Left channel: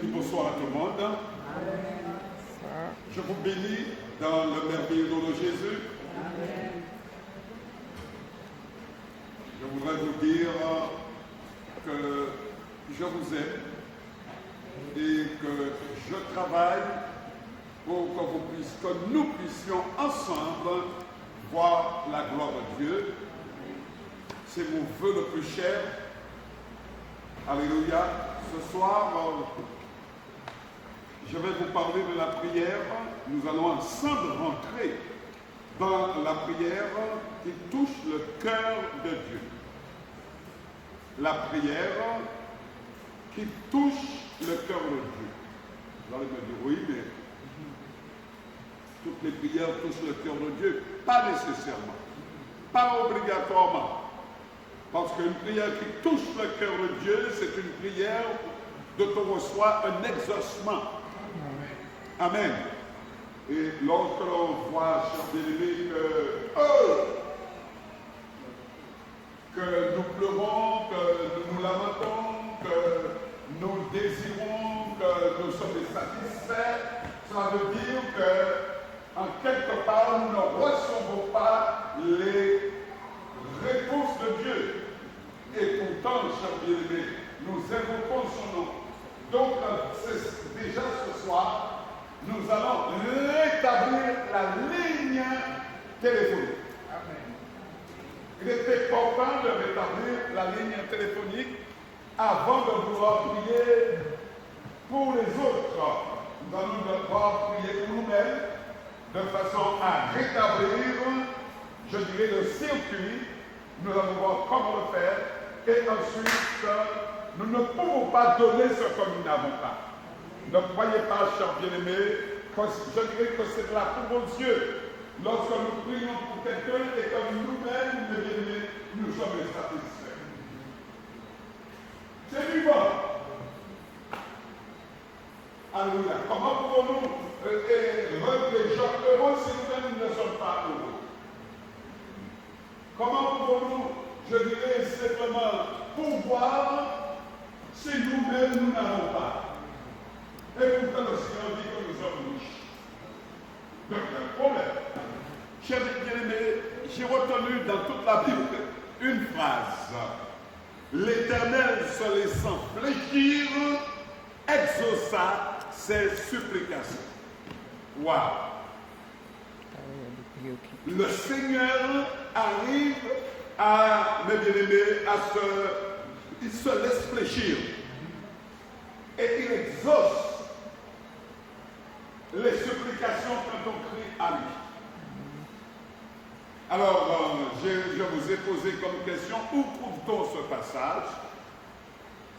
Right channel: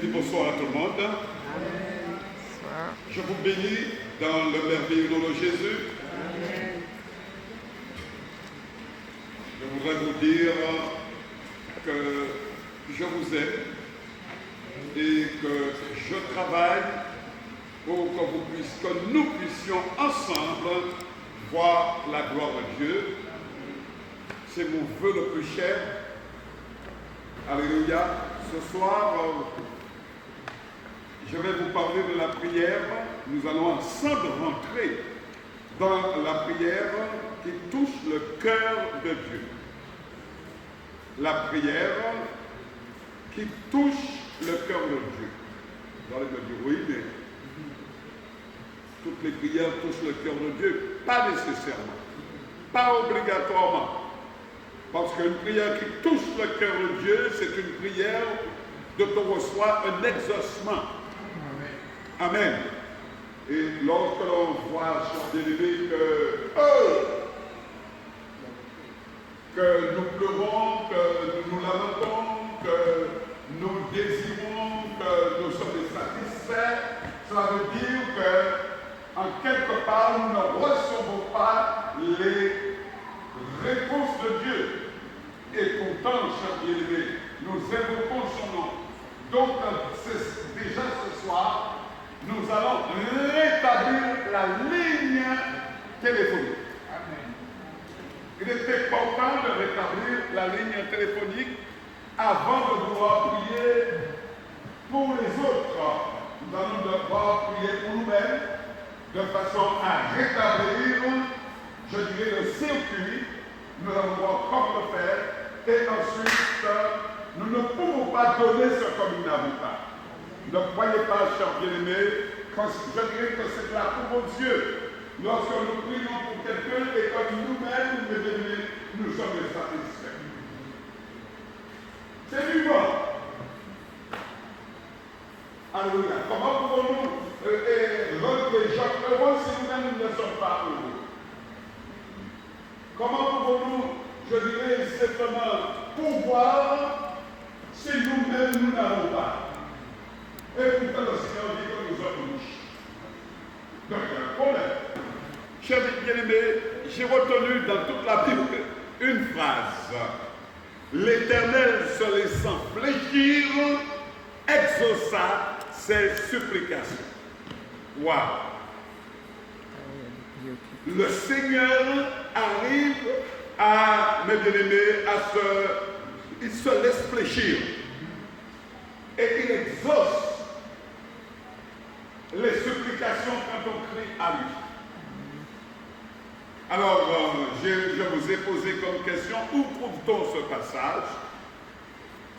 dis bonsoir à tout le monde. Amen. Je vous bénis dans le merveilleux nom de Jésus. Amen. Je voudrais vous dire que je vous aime et que je travaille pour que nous puissions ensemble voir la gloire de Dieu. C'est mon vœu le plus cher. Alléluia. Ce soir, je vais vous parler de la prière. Nous allons ensemble rentrer dans la prière qui touche le cœur de Dieu. La prière qui touche le cœur de Dieu. Vous allez me dire oui, mais toutes les prières touchent le cœur de Dieu. Pas nécessairement, pas obligatoirement. Parce qu'une prière qui touche le cœur de Dieu, c'est une prière dont on reçoit un exaucement. Amen. Et lorsque l'on voit, chers bien-aimés, que nous pleurons, que nous lamentons, que nous désirons, que nous sommes satisfaits, cela veut dire que, en quelque part, nous ne recevons pas les réponses de Dieu. Et pourtant, chers bien-aimés, nous invoquons son nom. Donc, déjà ce soir, nous allons rétablir la ligne téléphonique. Amen. Il est important de rétablir la ligne téléphonique avant de pouvoir prier pour les autres. Nous allons devoir prier pour nous-mêmes de façon à rétablir, je dirais, le circuit. Nous allons voir comment le faire. Et ensuite, nous ne pouvons pas donner ce que nous n'avons pas. Ne croyez pas, chers bien-aimés, je dirais que c'est de la pour Dieu. Lorsque nous prions pour quelqu'un et que nous-mêmes, mes bien-aimés, nous sommes satisfaits. C'est vivant. Alléluia. Comment pouvons-nous rendre les gens heureux si nous-mêmes ne sommes pas heureux? Comment pouvons-nous, je dirais simplement, pouvoir si nous-mêmes nous n'avons pas? Et pourtant le Seigneur dit que nous sommes riches. Donc il y a un problème. Chers bien-aimés, j'ai retenu dans toute la Bible une phrase. L'Éternel, se laissant fléchir, exauça ses supplications. Waouh! Le Seigneur arrive à, mes bien-aimés, il se laisse fléchir et il exauce les supplications quand on crie à lui. Alors, je vous ai posé comme question, où trouve-t-on ce passage?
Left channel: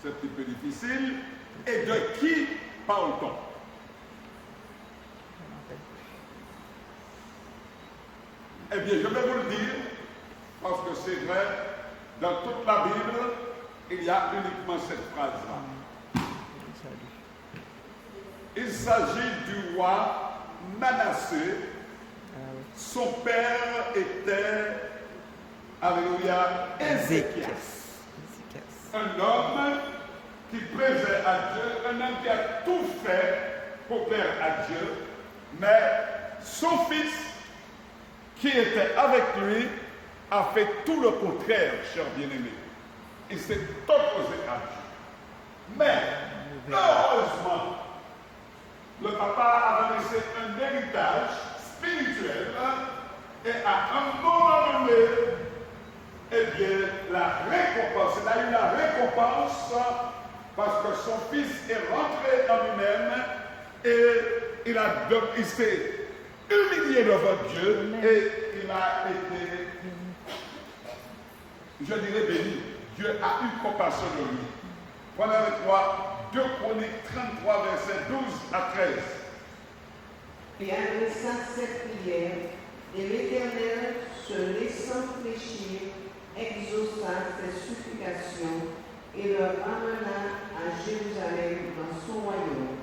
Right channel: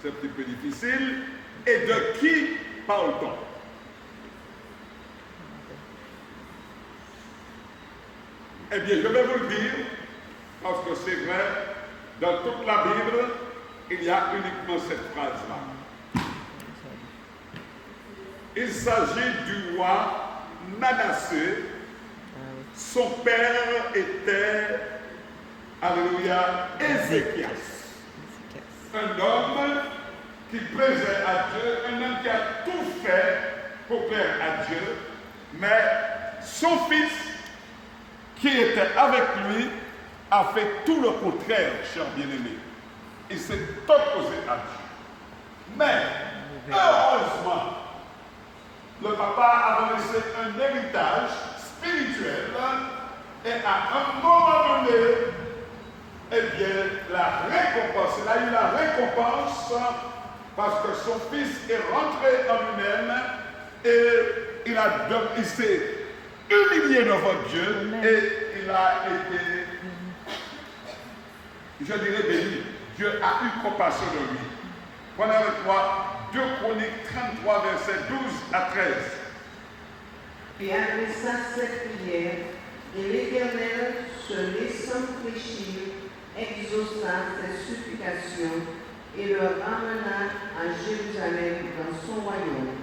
C'est un petit peu difficile. Et de qui parle-t-on? Eh bien, je vais vous le dire, parce que c'est vrai, dans toute la Bible, il y a uniquement cette phrase-là. Il s'agit du roi Manassé. Son père était, alléluia, Ézéchias. Un homme qui plaisait à Dieu, un homme qui a tout fait pour plaire à Dieu, mais son fils, qui était avec lui, a fait tout le contraire, cher bien-aimé. Il s'est opposé à Dieu. Mais, heureusement, le papa avait laissé un héritage spirituel et à un moment donné, eh bien, la récompense, il a eu la récompense parce que son fils est rentré en lui-même et il s'est humilié devant Dieu et il a été, je dirais, béni. Dieu a eu compassion de lui. Prenez avec moi 2 Chroniques 33, versets 12 à 13. Et adressa cette prière, et l'Éternel, se laissant fléchir, exauça ses supplications et le ramena à Jérusalem dans son royaume.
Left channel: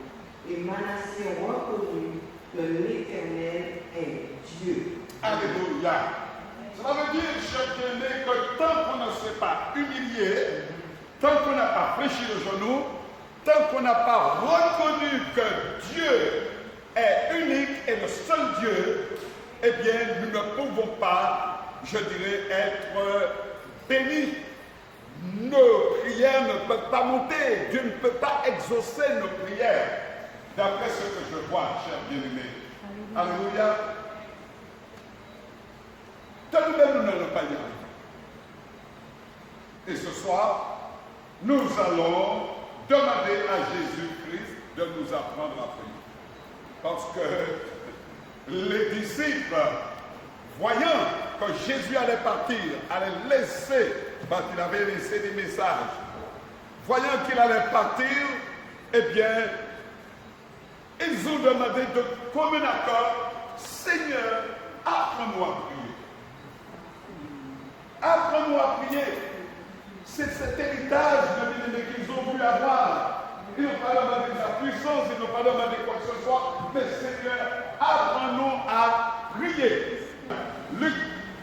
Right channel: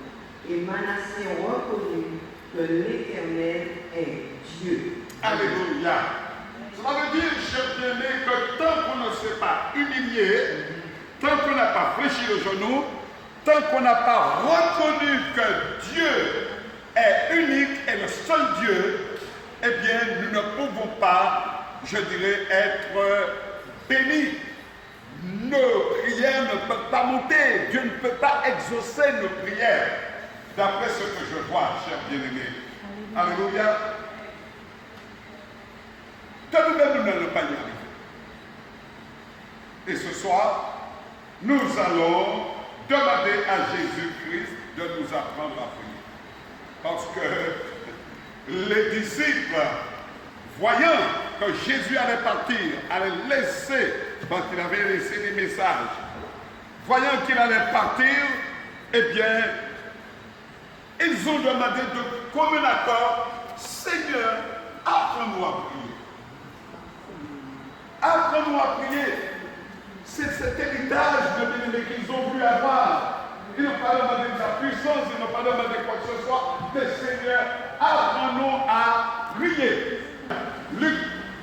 Et Manassé reconnut que l'Éternel est Dieu. Alléluia. Ça veut dire, cher bien-aimé, que tant qu'on ne s'est pas humilié, tant qu'on n'a pas fléchi le genou, tant qu'on n'a pas reconnu que Dieu est unique et le seul Dieu, eh bien, nous ne pouvons pas, je dirais, être bénis. Nos prières ne peuvent pas monter. Dieu ne peut pas exaucer nos prières. D'après ce que je vois, chers bien-aimés. Alléluia. Que nous-mêmes, nous n'allons pas y arriver. Et ce soir, nous allons demander à Jésus-Christ de nous apprendre à prier. Parce que les disciples, voyant que Jésus allait partir, allait laisser, parce qu'il avait laissé des messages, voyant qu'il allait partir, eh bien, ils ont demandé de commun accord, Seigneur, apprends-nous à prier. Apprends-nous à prier. C'est cet héritage de bien-aimé qu'ils ont voulu avoir. Ils n'ont pas demandé de la puissance, ils n'ont pas demandé quoi que ce soit, mais Seigneur, apprends-nous à prier. Luc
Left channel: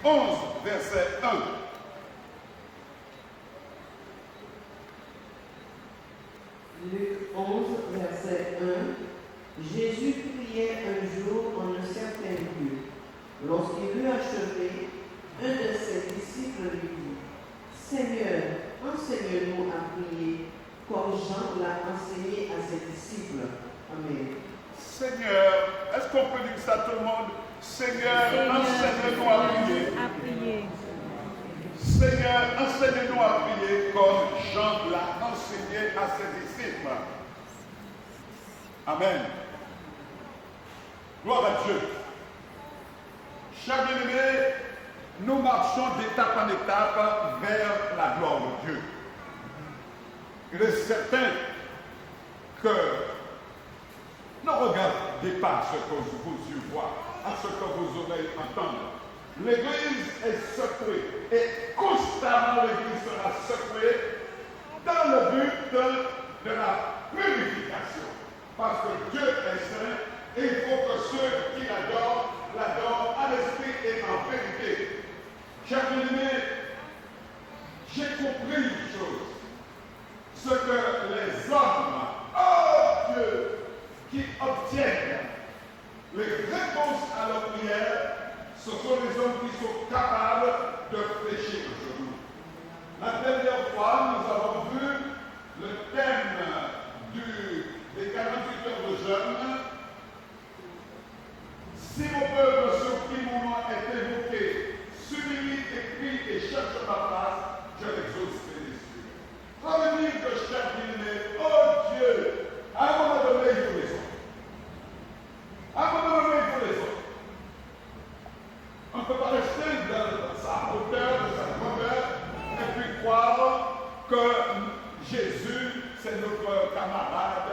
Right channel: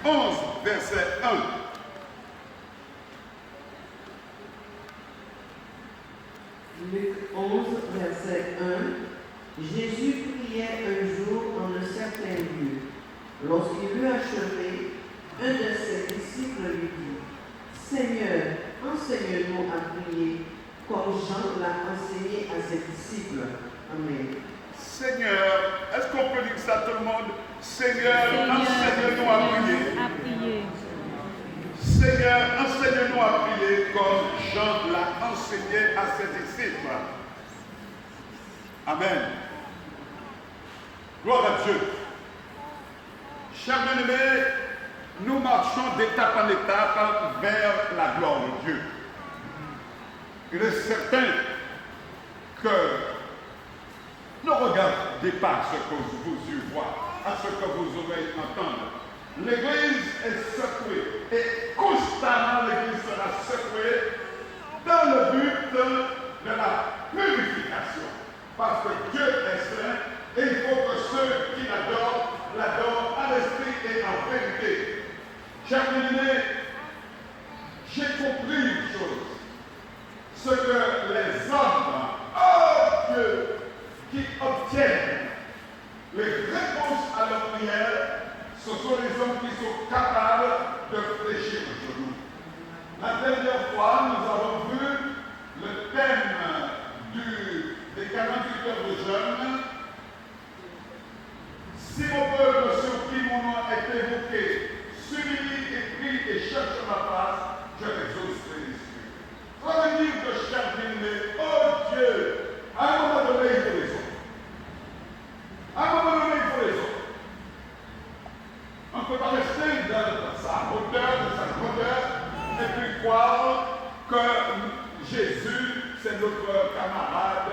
11, verset 1. Luc 11, verset 1. Jésus priait un jour en un certain lieu. Lorsqu'il eut achevé, un de ses disciples lui dit, Seigneur, enseigne-nous à prier, comme Jean l'a enseigné à ses disciples. Amen. Seigneur, est-ce qu'on peut dire ça tout le monde? Seigneur, enseigne-nous à prier. Seigneur, enseigne-nous à prier comme Jean l'a enseigné à ses disciples. Amen. Gloire à Dieu. Chers bien-aimés, nous marchons d'étape en étape vers la gloire de Dieu. Il est certain que ne regardez pas ce que vos yeux voient, à ce que vos oreilles entendent. L'Église est secouée et constamment l'Église sera secouée dans le but de la purification. Parce que Dieu est saint et il faut que ceux qui l'adorent en esprit et en vérité. Chers bien-aimés, j'ai compris une chose. Ce que les hommes, oh Dieu, qui obtiennent les réponses à leurs prières, ce sont les hommes qui sont capables de fléchir le genou. La dernière fois, nous avons vu le thème des 48 heures de jeûne. Si mon peuple sur qui mon nom est évoqué, s'humilie et prie et cherche ma face, je l'exaucerai les cieux. Ça veut dire que chaque bien-aimé, oh Dieu, à un moment donné, il faut les autres. À un moment donné, il faut les autres. On ne peut pas rester dans sa hauteur, de sa grandeur, et puis croire que Jésus, c'est notre camarade,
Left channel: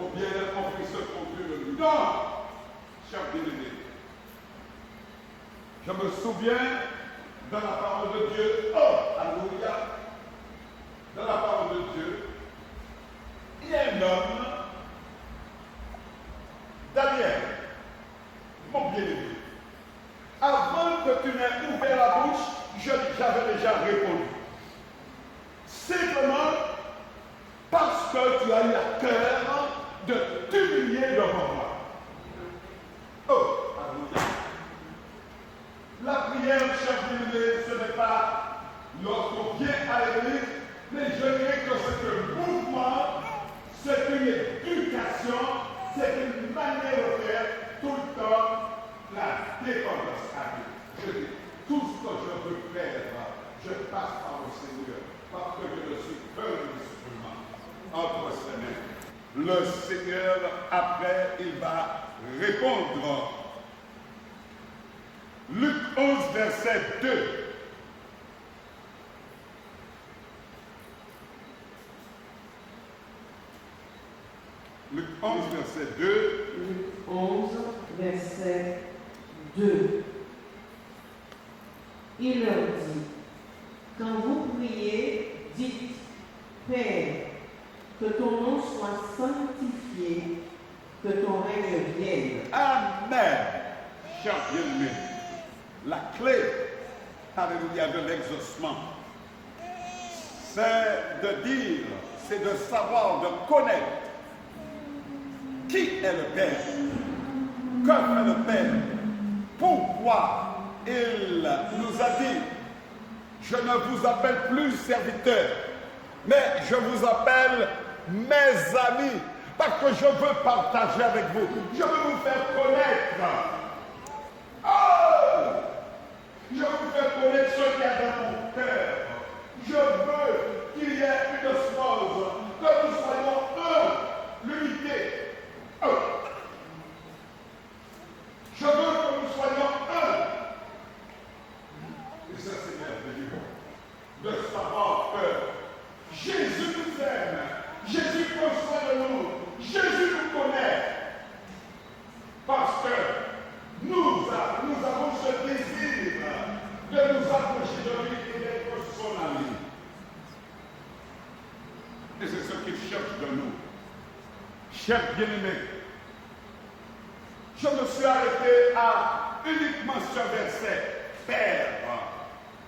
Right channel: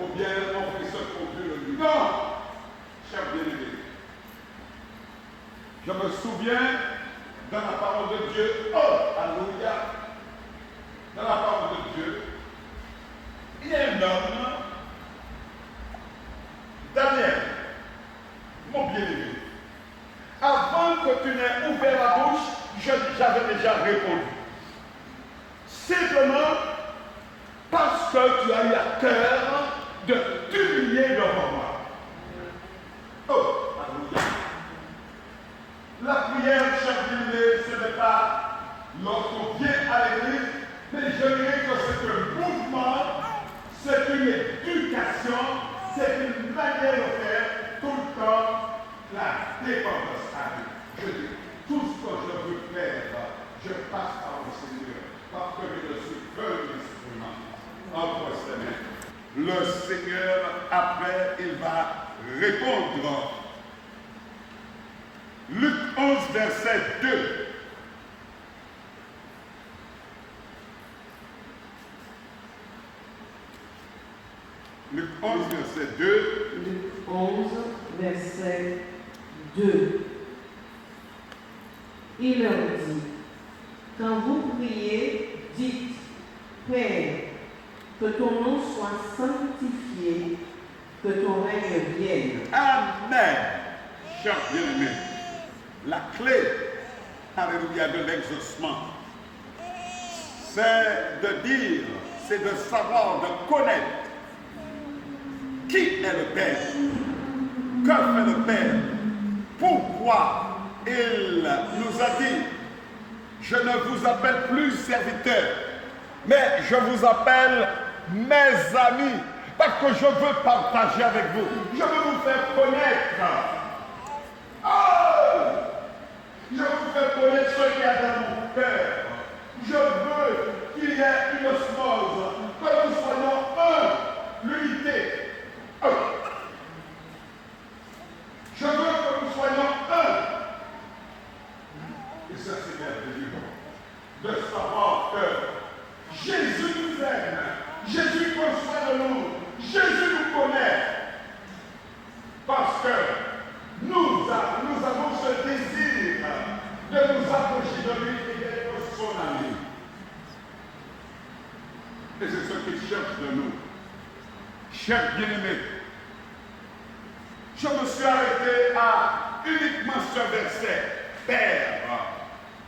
ou bien on fait ce qu'on veut de lui. Non, cher bien-aimé. Je me souviens dans la parole de Dieu, oh, alléluia, dans la parole de Dieu, il y a un homme, Daniel, mon bien-aimé. Avant que tu n'aies ouvert la bouche, j'avais déjà répondu. Simplement parce que tu as eu à cœur de t'humilier devant moi. Oh, alléluia. La prière, cher bien-aimé, ce n'est pas lorsqu'on vient à l'église, mais je dirais que c'est un mouvement, c'est une éducation, c'est une manière de faire tout le temps la dépendance à Dieu. Je dis, tout ce que je veux faire, je passe par le Seigneur, parce que je ne suis qu'un instrument entre ses mains. Le Seigneur, après, il va répondre. Luc 11, verset 2. Luc 11, verset 2. Luc 11, verset 2. Il leur dit, quand vous priez, dites, Père, que ton nom soit sanctifié, que ton règne vienne. Amen. Cher bien-aimé, la clé, alléluia, de l'exaucement, c'est de dire, c'est de savoir, de connaître qui est le Père, que fait le Père, pourquoi il nous a dit, je ne vous appelle plus serviteurs, mais je vous appelle mes amis, parce que je veux partager avec vous, je veux vous faire connaître. Je vous fais connaître ce qu'il y a dans mon cœur. Je veux qu'il y ait une osmose, que nous soyons un, l'unité. Je veux que nous soyons un. Et ça, c'est merveilleux de savoir que Jésus nous aime, Jésus prend soin de nous, Jésus nous connaît. Parce que nous avons ce désir de nous approcher de lui et d'être son ami. Et c'est ce qu'il cherche de nous. Chers bien-aimés, je me suis arrêté à uniquement ce verset. Père,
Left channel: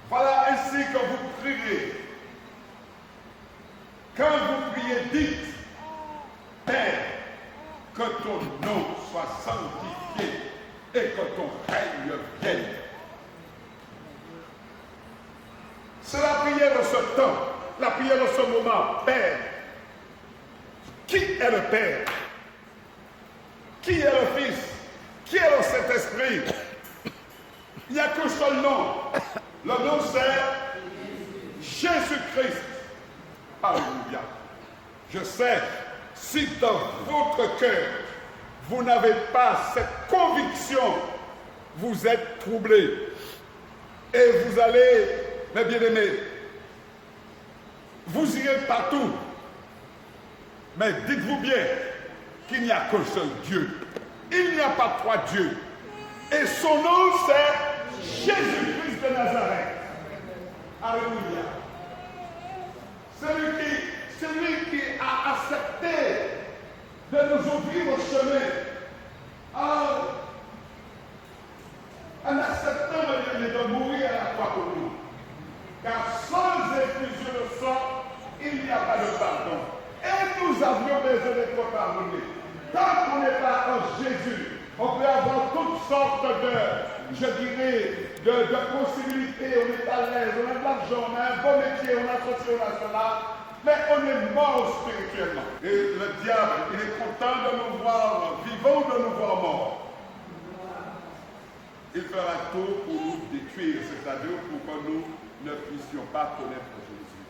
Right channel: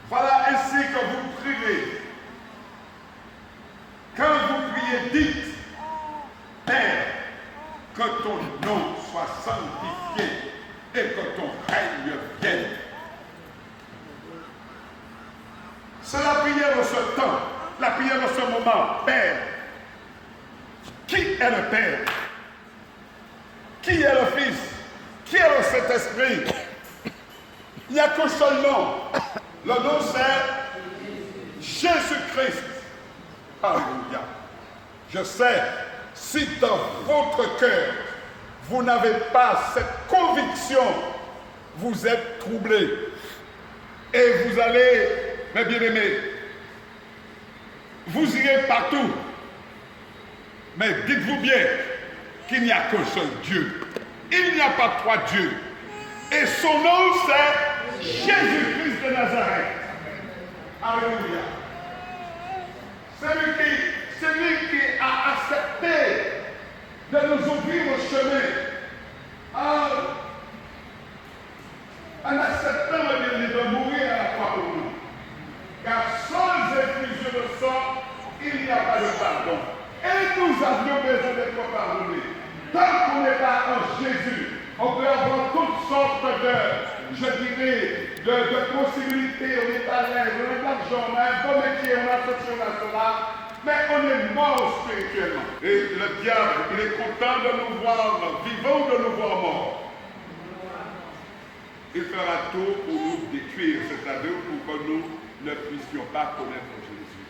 voilà ainsi que vous priez. Quand vous priez, dites, Père, que ton nom soit sanctifié et que ton règne vienne. C'est la prière de ce temps, la prière de ce moment. Père, qui est le Père? Qui est le Fils? Qui est le Saint-Esprit? Il n'y a qu'un seul nom. Le nom c'est Jésus-Christ. Alléluia. Je sais, si dans votre cœur, vous n'avez pas cette conviction, vous êtes troublés. Et vous allez, mes bien-aimés, vous irez partout. Mais dites-vous bien qu'il n'y a qu'un seul Dieu. Il n'y a pas trois dieux. Et son nom, c'est Jésus-Christ de Nazareth. Alléluia. C'est lui qui a accepté de nous ouvrir au chemin en acceptant de mourir à la croix pour nous. Car sans effusion de sang, il n'y a pas de pardon. Et nous avions besoin d'être pardonnés. Tant qu'on n'est pas en Jésus, on peut avoir toutes sortes de possibilités. On est à l'aise, on a de l'argent, on a un bon métier, on a ceci, on a cela. Mais on est mort spirituellement. Et le diable, il est content de nous voir vivants ou de nous voir morts. Il fera tout pour nous détruire, c'est-à-dire pour que nous ne puissions pas connaître Jésus.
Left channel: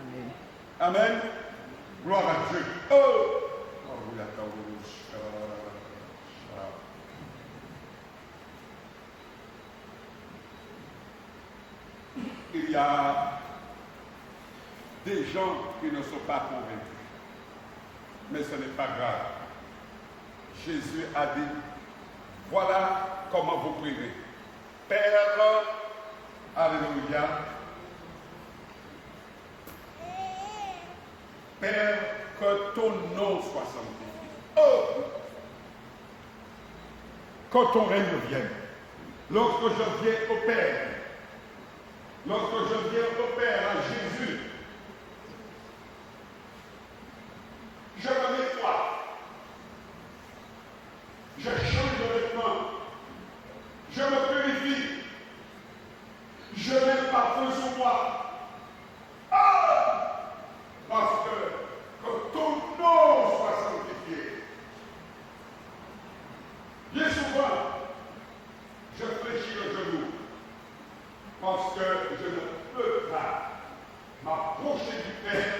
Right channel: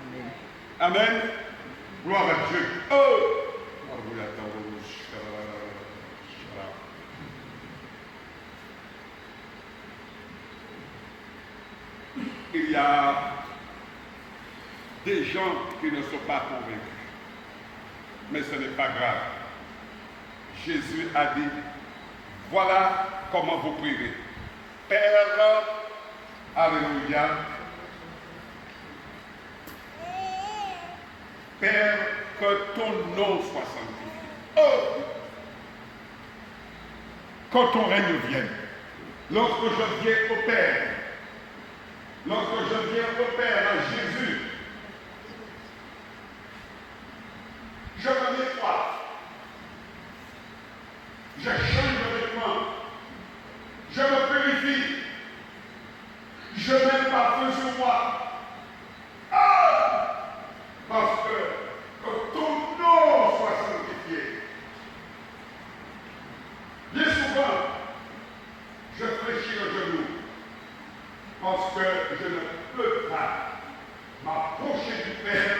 Amen. Amen. Gloire à Dieu. Oh! Il y a des gens qui ne sont pas convaincus. Mais ce n'est pas grave. Jésus a dit, voilà comment vous prierez. Père, alléluia. Père, que ton nom soit sanctifié. Oh! Que ton règne vienne. Lorsque je viens au Père, lorsque je viens au Père, à Jésus, je me nettoie. Je change de vêtements. Je me purifie. Je mets parfum sur moi. Parce que ton nom soit sanctifié. Bien souvent, je fléchis le genou. Parce que je ne peux pas m'approcher du Père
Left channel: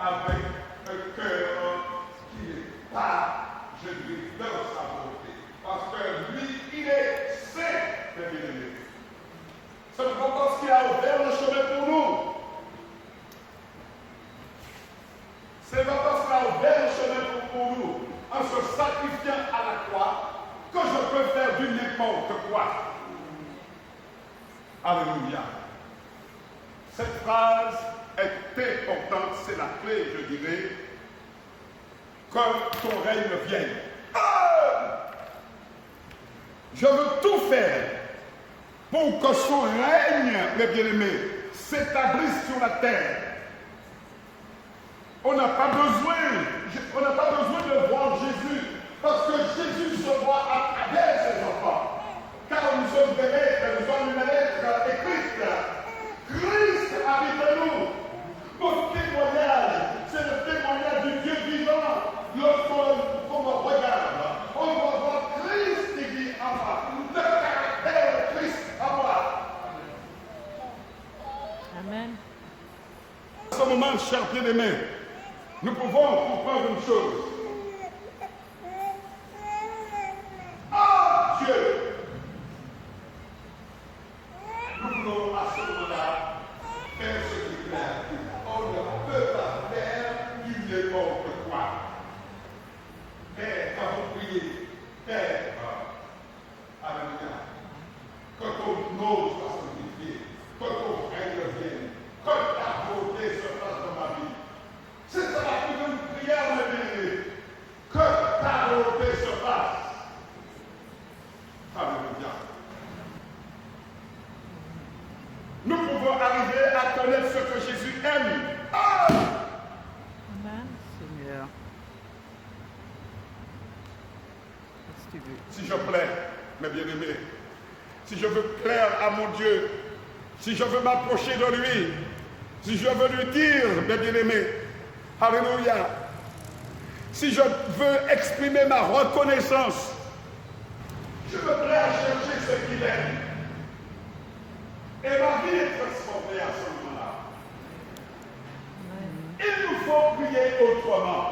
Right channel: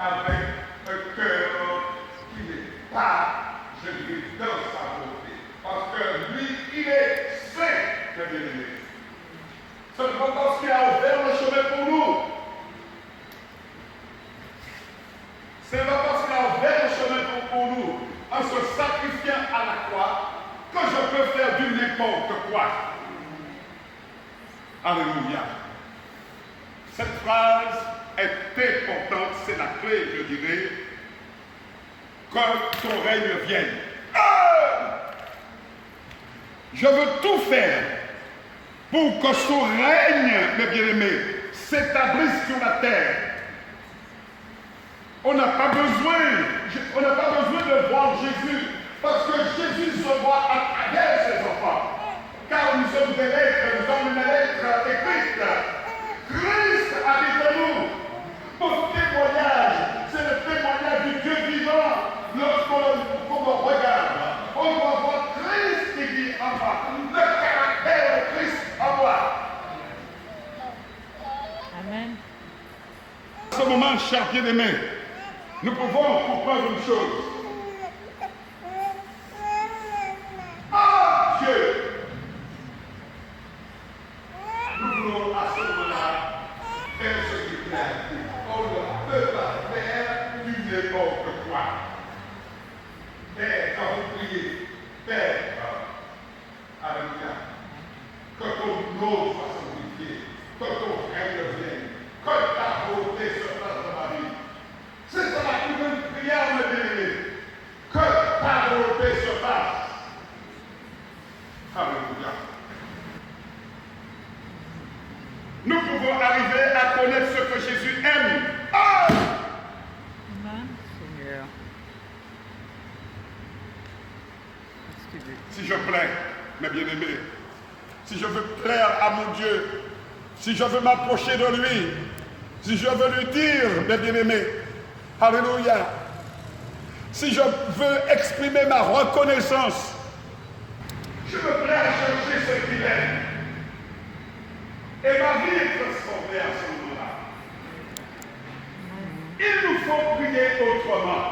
avec un cœur qui n'est pas, je dirais, dans sa volonté. Parce que lui, il est saint, mes bien-aimés. Ce n'est pas parce qu'il a ouvert le chemin pour nous. Ce n'est pas parce qu'il a ouvert le chemin pour nous, en se sacrifiant à la croix, que je peux faire du n'importe quoi. Alléluia. Cette phrase est importante, c'est la clé, je dirais, que ton règne vienne. Je veux tout faire pour que son règne, mes bien-aimés, s'établisse sur la terre. On n'a pas besoin de voir Jésus, parce que Jésus se voit à travers ses enfants. Car nous sommes des lettres, nous sommes une lettre écrite. Christ habite en nous. Notre témoignage, c'est le témoignage du Dieu vivant. Lorsqu'on me regarde, on doit voir Christ qui vit en moi, le caractère de Christ en moi. Amen. À ce moment, chers bien-aimés, nous pouvons comprendre une chose. Ah, Dieu! Nous voulons à ce moment-là faire ce qui plaît. On ne peut pas faire du n'importe quoi. Père, quand vous priez, Père, alléluia, que ton nom soit sanctifié, que ton règne vienne, que ta volonté se fasse dans ma vie. C'est ça la plus grande prière, mes bien-aimés. Que ta volonté se fasse. Alléluia. Nous pouvons arriver à connaître ce que Jésus aime. Ah! Amen. Seigneur. Si je plais, mes bien-aimés, si je veux plaire à mon Dieu, si je veux m'approcher de lui, si je veux lui dire, mes bien-aimés, alléluia, si je veux exprimer ma reconnaissance, je me plais à chercher ce qu'il aime. Et ma vie est transformée à ce moment-là. Il nous faut prier autrement.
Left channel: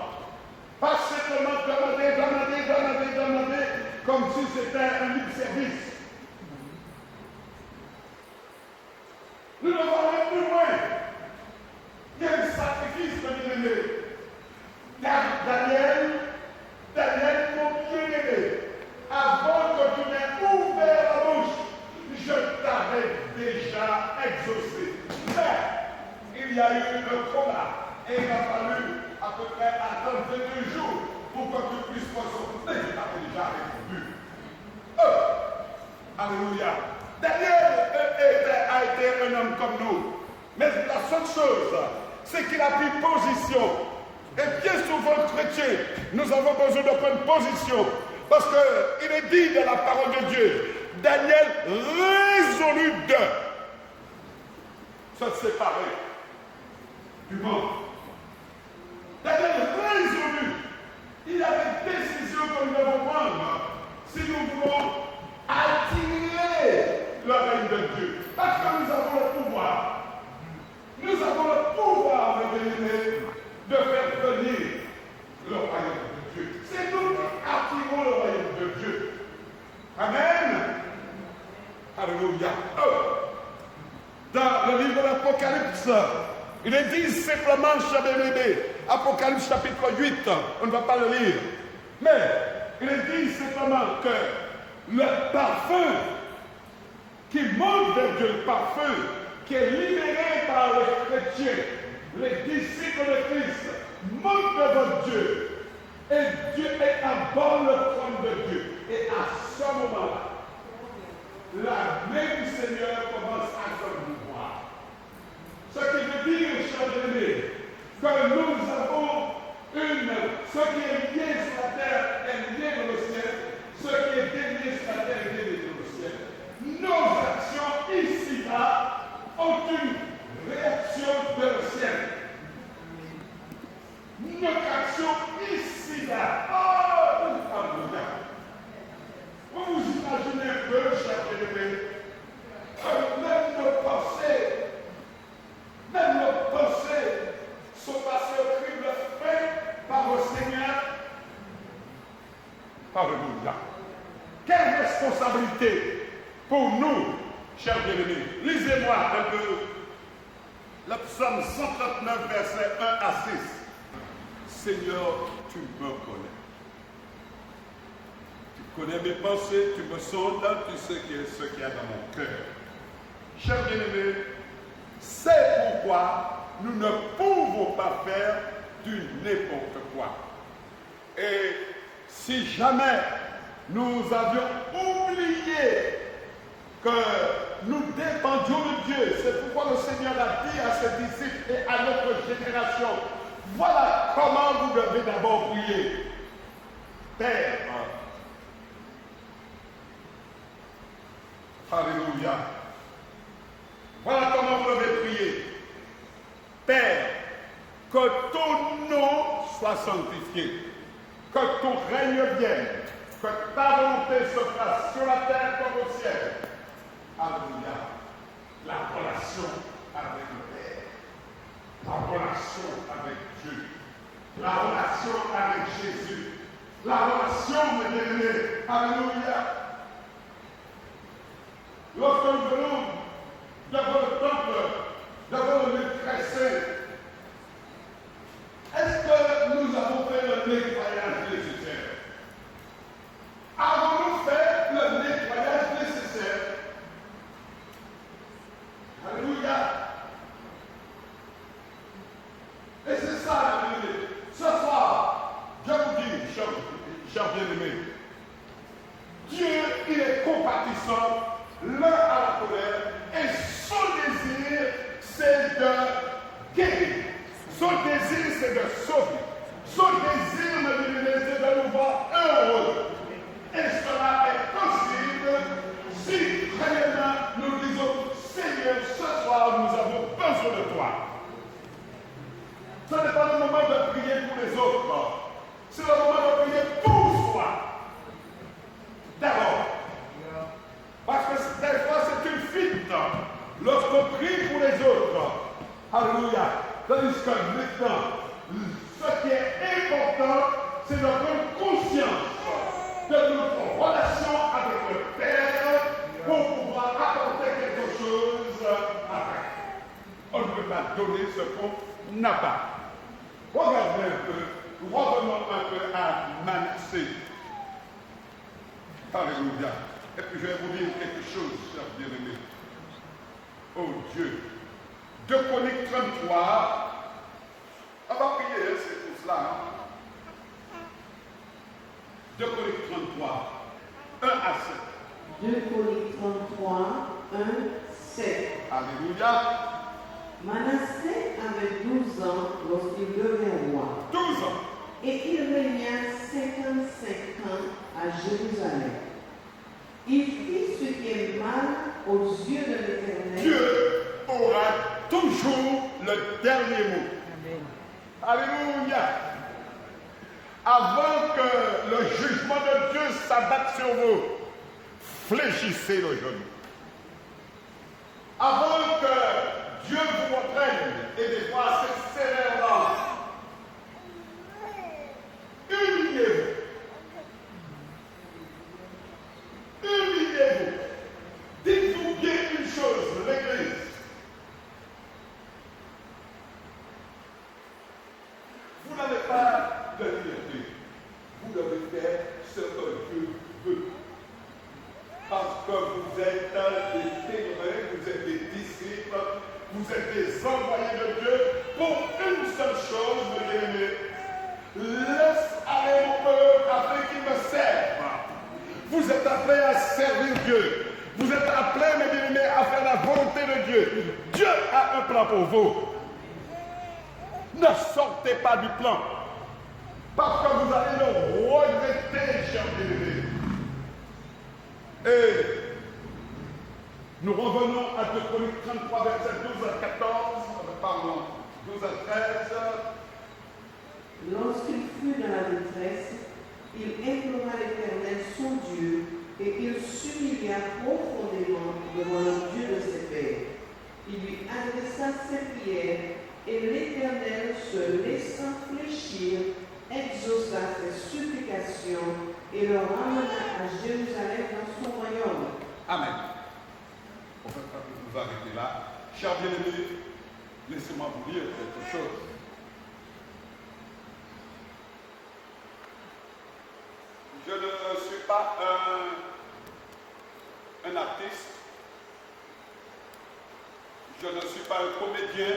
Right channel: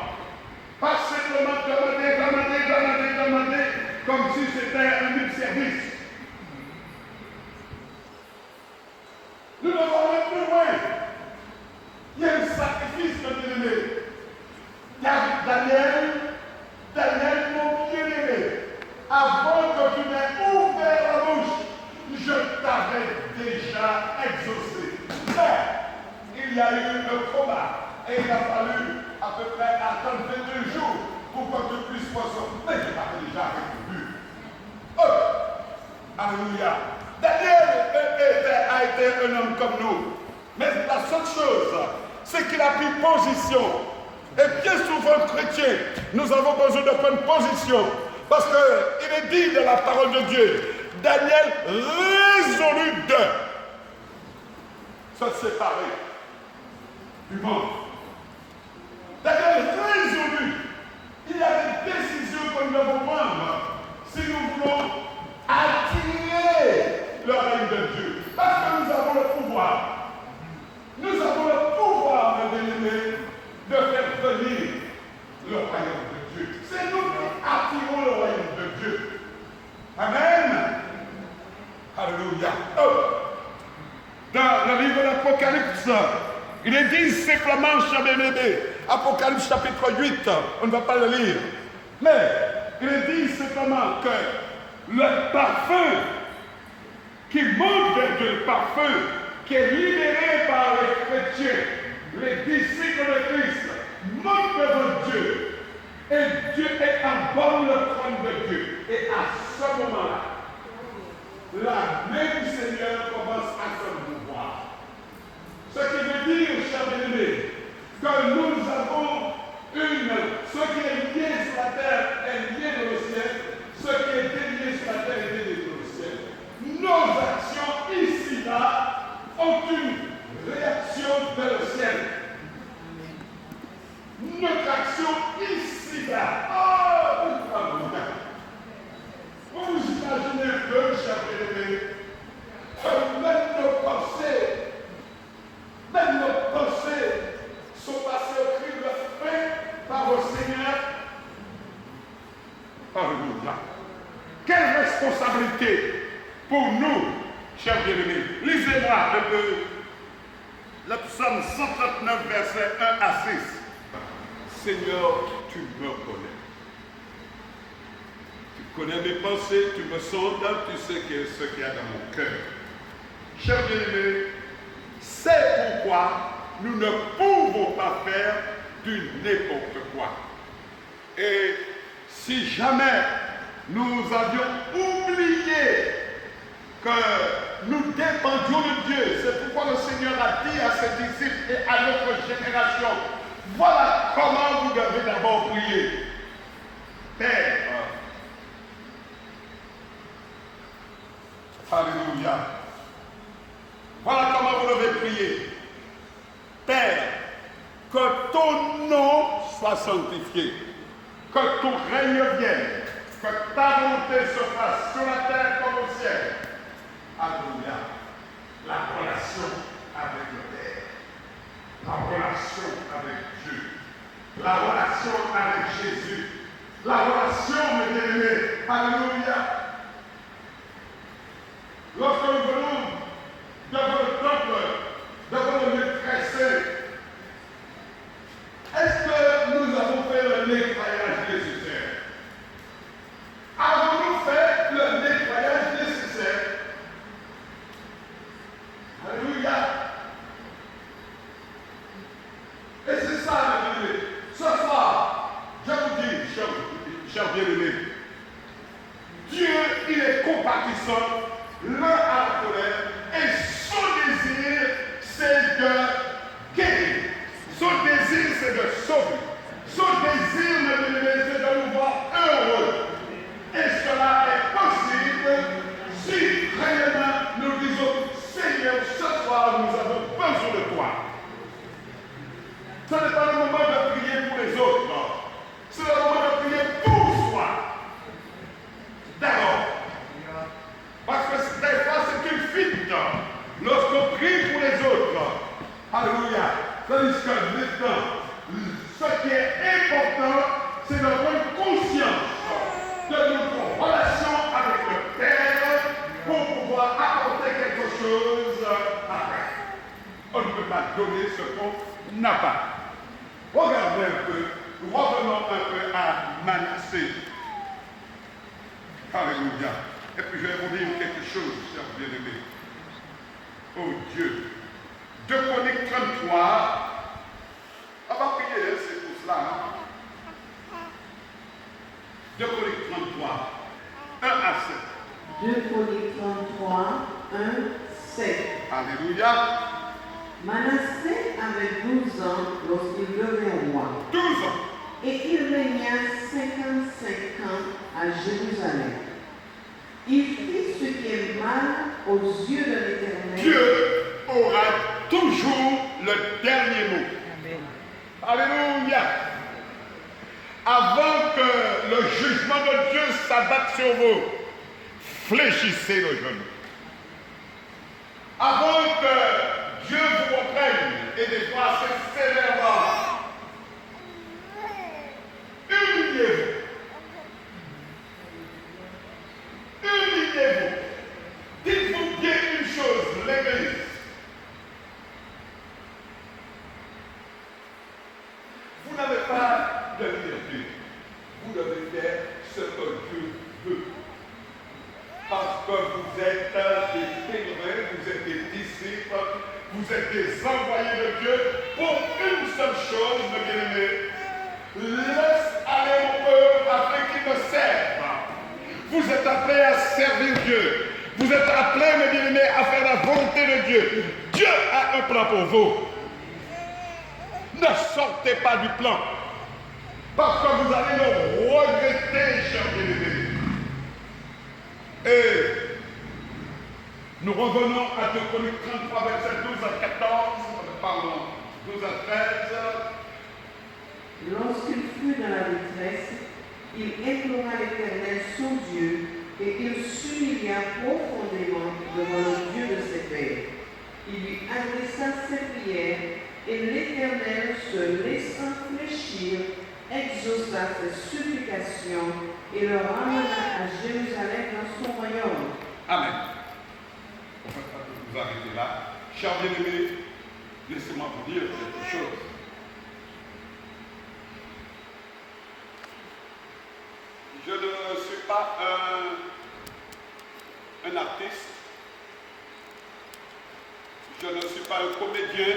Pas simplement demander, comme si c'était un libre service. Nous devons aller plus loin. Il y a un sacrifice de bien-aimé. Daniel, mon bien-aimé, avant que tu n'aies ouvert la bouche, je t'avais déjà exaucé. Mais il y a eu un combat et il a fallu à peu près attendre 22 jours pour que tu puisses recevoir. Mais je t'avais déjà répondu. Alléluia. Daniel a été un homme comme nous. Mais la seule chose, c'est qu'il a pris position. Et bien souvent, chrétiens, nous avons besoin de prendre position. Parce qu'il est dit dans la parole de Dieu, Daniel résolut de se séparer du monde. Daniel résolut. Il y a des décisions que nous devons prendre si nous voulons attirer le règne de Dieu. Parce que nous avons le pouvoir. Nous avons le pouvoir, mes bien-aimés, de faire venir le royaume de Dieu. C'est nous qui attirons le royaume de Dieu. Amen. Alléluia. Dans le livre de l'Apocalypse, il est dit simplement, chers bien-aimés, Apocalypse chapitre 8, on ne va pas le lire, mais il est dit simplement que le parfum qui monte vers Dieu, le parfum qui est libéré par les chrétiens, les disciples de Christ, monte devant Dieu. Et Dieu est à bord le trône de Dieu. Et à ce moment-là, la main du Seigneur commence à se mouvoir. Ce qui veut dire, chers bien-aimés, que nous avons ce qui est lié sur la terre est lié dans le ciel, ce qui est délié sur la terre est délié dans le ciel. Nos actions ici-là ont une réaction dans le ciel. Notre action ici-là, vous vous imaginez un peu, chers bien-aimés, que même nos pensées sont passées au crible fait par le Seigneur. Alléluia. Quelle responsabilité pour nous, chers bien-aimés. Lisez-moi un peu le psaume 139, versets 1 à 6. Seigneur, tu me connais. Tu connais mes pensées, tu me sondes, tu sais ce qu'il y a dans mon cœur. Chers bien-aimés, c'est pourquoi nous ne pouvons pas faire du n'importe quoi. Et si jamais nous avions oublié que nous dépendions de Dieu, c'est pourquoi le Seigneur a dit à ses disciples et à notre génération, Voilà comment vous devez d'abord prier. Père. Alléluia. Voilà comment vous devez prier. Père, que ton nom soit sanctifié, que ton règne vienne, que ta volonté se fasse sur la terre comme au ciel. Alléluia. La relation avec le Père, la relation avec Dieu, la relation avec Jésus, la relation, mes bien-aimés. Alléluia. Lorsque nous venons devant le temple, devant le maître, est-ce que nous avons fait le nettoyage nécessaire? Avons-nous fait le nettoyage nécessaire? Alléluia. Et c'est ça, mes bien-aimés. Ce soir, je vous dis, chers bien-aimés, Dieu, il est compatissant, l'un à la colère, et son désir, c'est de guérir. Son désir, c'est de sauver. Son désir, mes bien-aimés, c'est de nous voir heureux. Et cela est possible si réellement nous disons, Seigneur, ce soir, nous avons besoin de toi. Ce n'est pas le moment de prier pour les autres. C'est le moment de prier pour soi. D'abord. Parce que des fois, c'est une fuite. Lorsqu'on prie pour les autres. Alléluia. Tandis que maintenant, ce qui est important, c'est de prendre conscience de notre relation avec le Père pour pouvoir apporter quelque chose après. On ne peut pas donner ce qu'on n'a pas. Regardez un peu, revenons un peu à Manassé. Alléluia. Et puis je vais vous dire quelque chose, chers bien-aimés. Oh Dieu. 2 Chroniques 33. On va prier, c'est tout cela. 2 Chroniques 33, 1 à 7. 2 Chroniques 33, 1, 7. Alléluia. Manassé avait 12 ans lorsqu'il devint roi. 12 ans. Et il régna 55 ans à Jérusalem. Il fit ce qui est mal aux yeux de l'Éternel. Dieu aura toujours le dernier mot. Amen. Alléluia. Avant que le jugement de Dieu s'abatte sur vous, fléchissez le genou. Avant que Dieu vous reprenne, et des fois c'est sévèrement, humiliez-vous. Humiliez-vous. Dites-vous bien une chose, l'Église. Vous n'avez pas de liberté. Vous devez faire ce que Dieu veut. Parce que vous êtes des témoins, vous êtes des disciples, vous êtes des envoyés de Dieu pour une seule chose, mes bien-aimés. Laisse aller mon peuple afin qu'il me serve. Vous êtes appelés à servir Dieu. Vous êtes appelés, mes bien-aimés, à faire la volonté de Dieu. Dieu a un plan pour vous. Ne sortez pas du plan. Parce que vous allez le regretter, chers bien-aimés. Et nous revenons à 2 Chroniques 33, verset 12 à 14. Pardon, 12 à 13. Lorsqu'il fut dans la détresse, il implora l'Éternel son Dieu et il s'humilia profondément devant le Dieu de ses pères. Il lui adressa ses prières et l'Éternel, se laissant fléchir, exauça ses supplications et le ramena à Jérusalem dans son royaume. Amen. On peut pas vous arrêter là. Chers bien-aimés, laissez-moi vous dire quelque chose. Je ne suis pas un artiste. Je ne suis pas un comédien.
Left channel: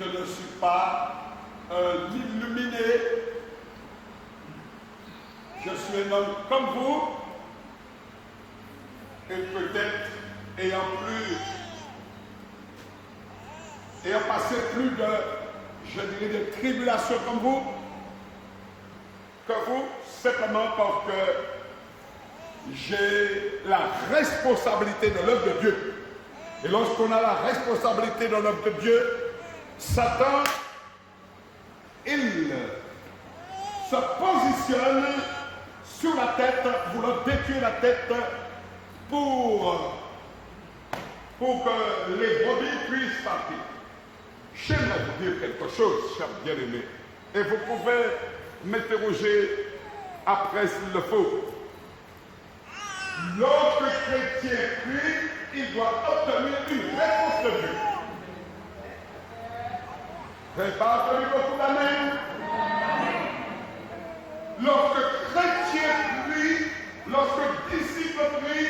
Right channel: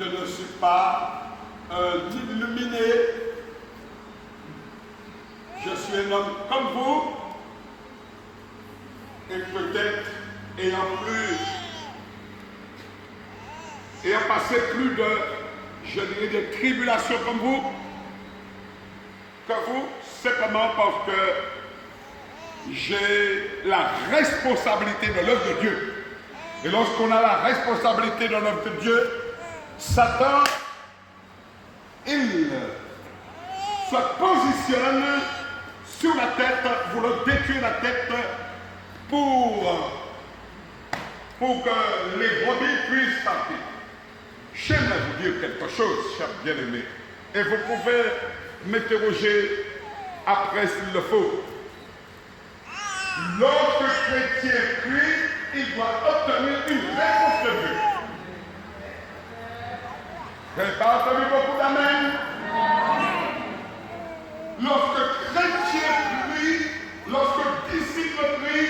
Je ne suis pas un illuminé. Je suis un homme comme vous. Et peut-être ayant passé plus de je dirais, des tribulations comme vous, que vous, simplement parce que j'ai la responsabilité de l'œuvre de Dieu. Et lorsqu'on a la responsabilité de l'œuvre de Dieu, Satan, il se positionne sur la tête, voulant détruire la tête pour que les brebis puissent partir. J'aimerais vous dire quelque chose, chers bien-aimés, et vous pouvez m'interroger après s'il le faut. Lorsque le chrétien prie, il doit obtenir une réponse de Dieu. Vous n'avez pas entendu beaucoup d'amen? Lorsque le chrétien prie, lorsque le disciple prie,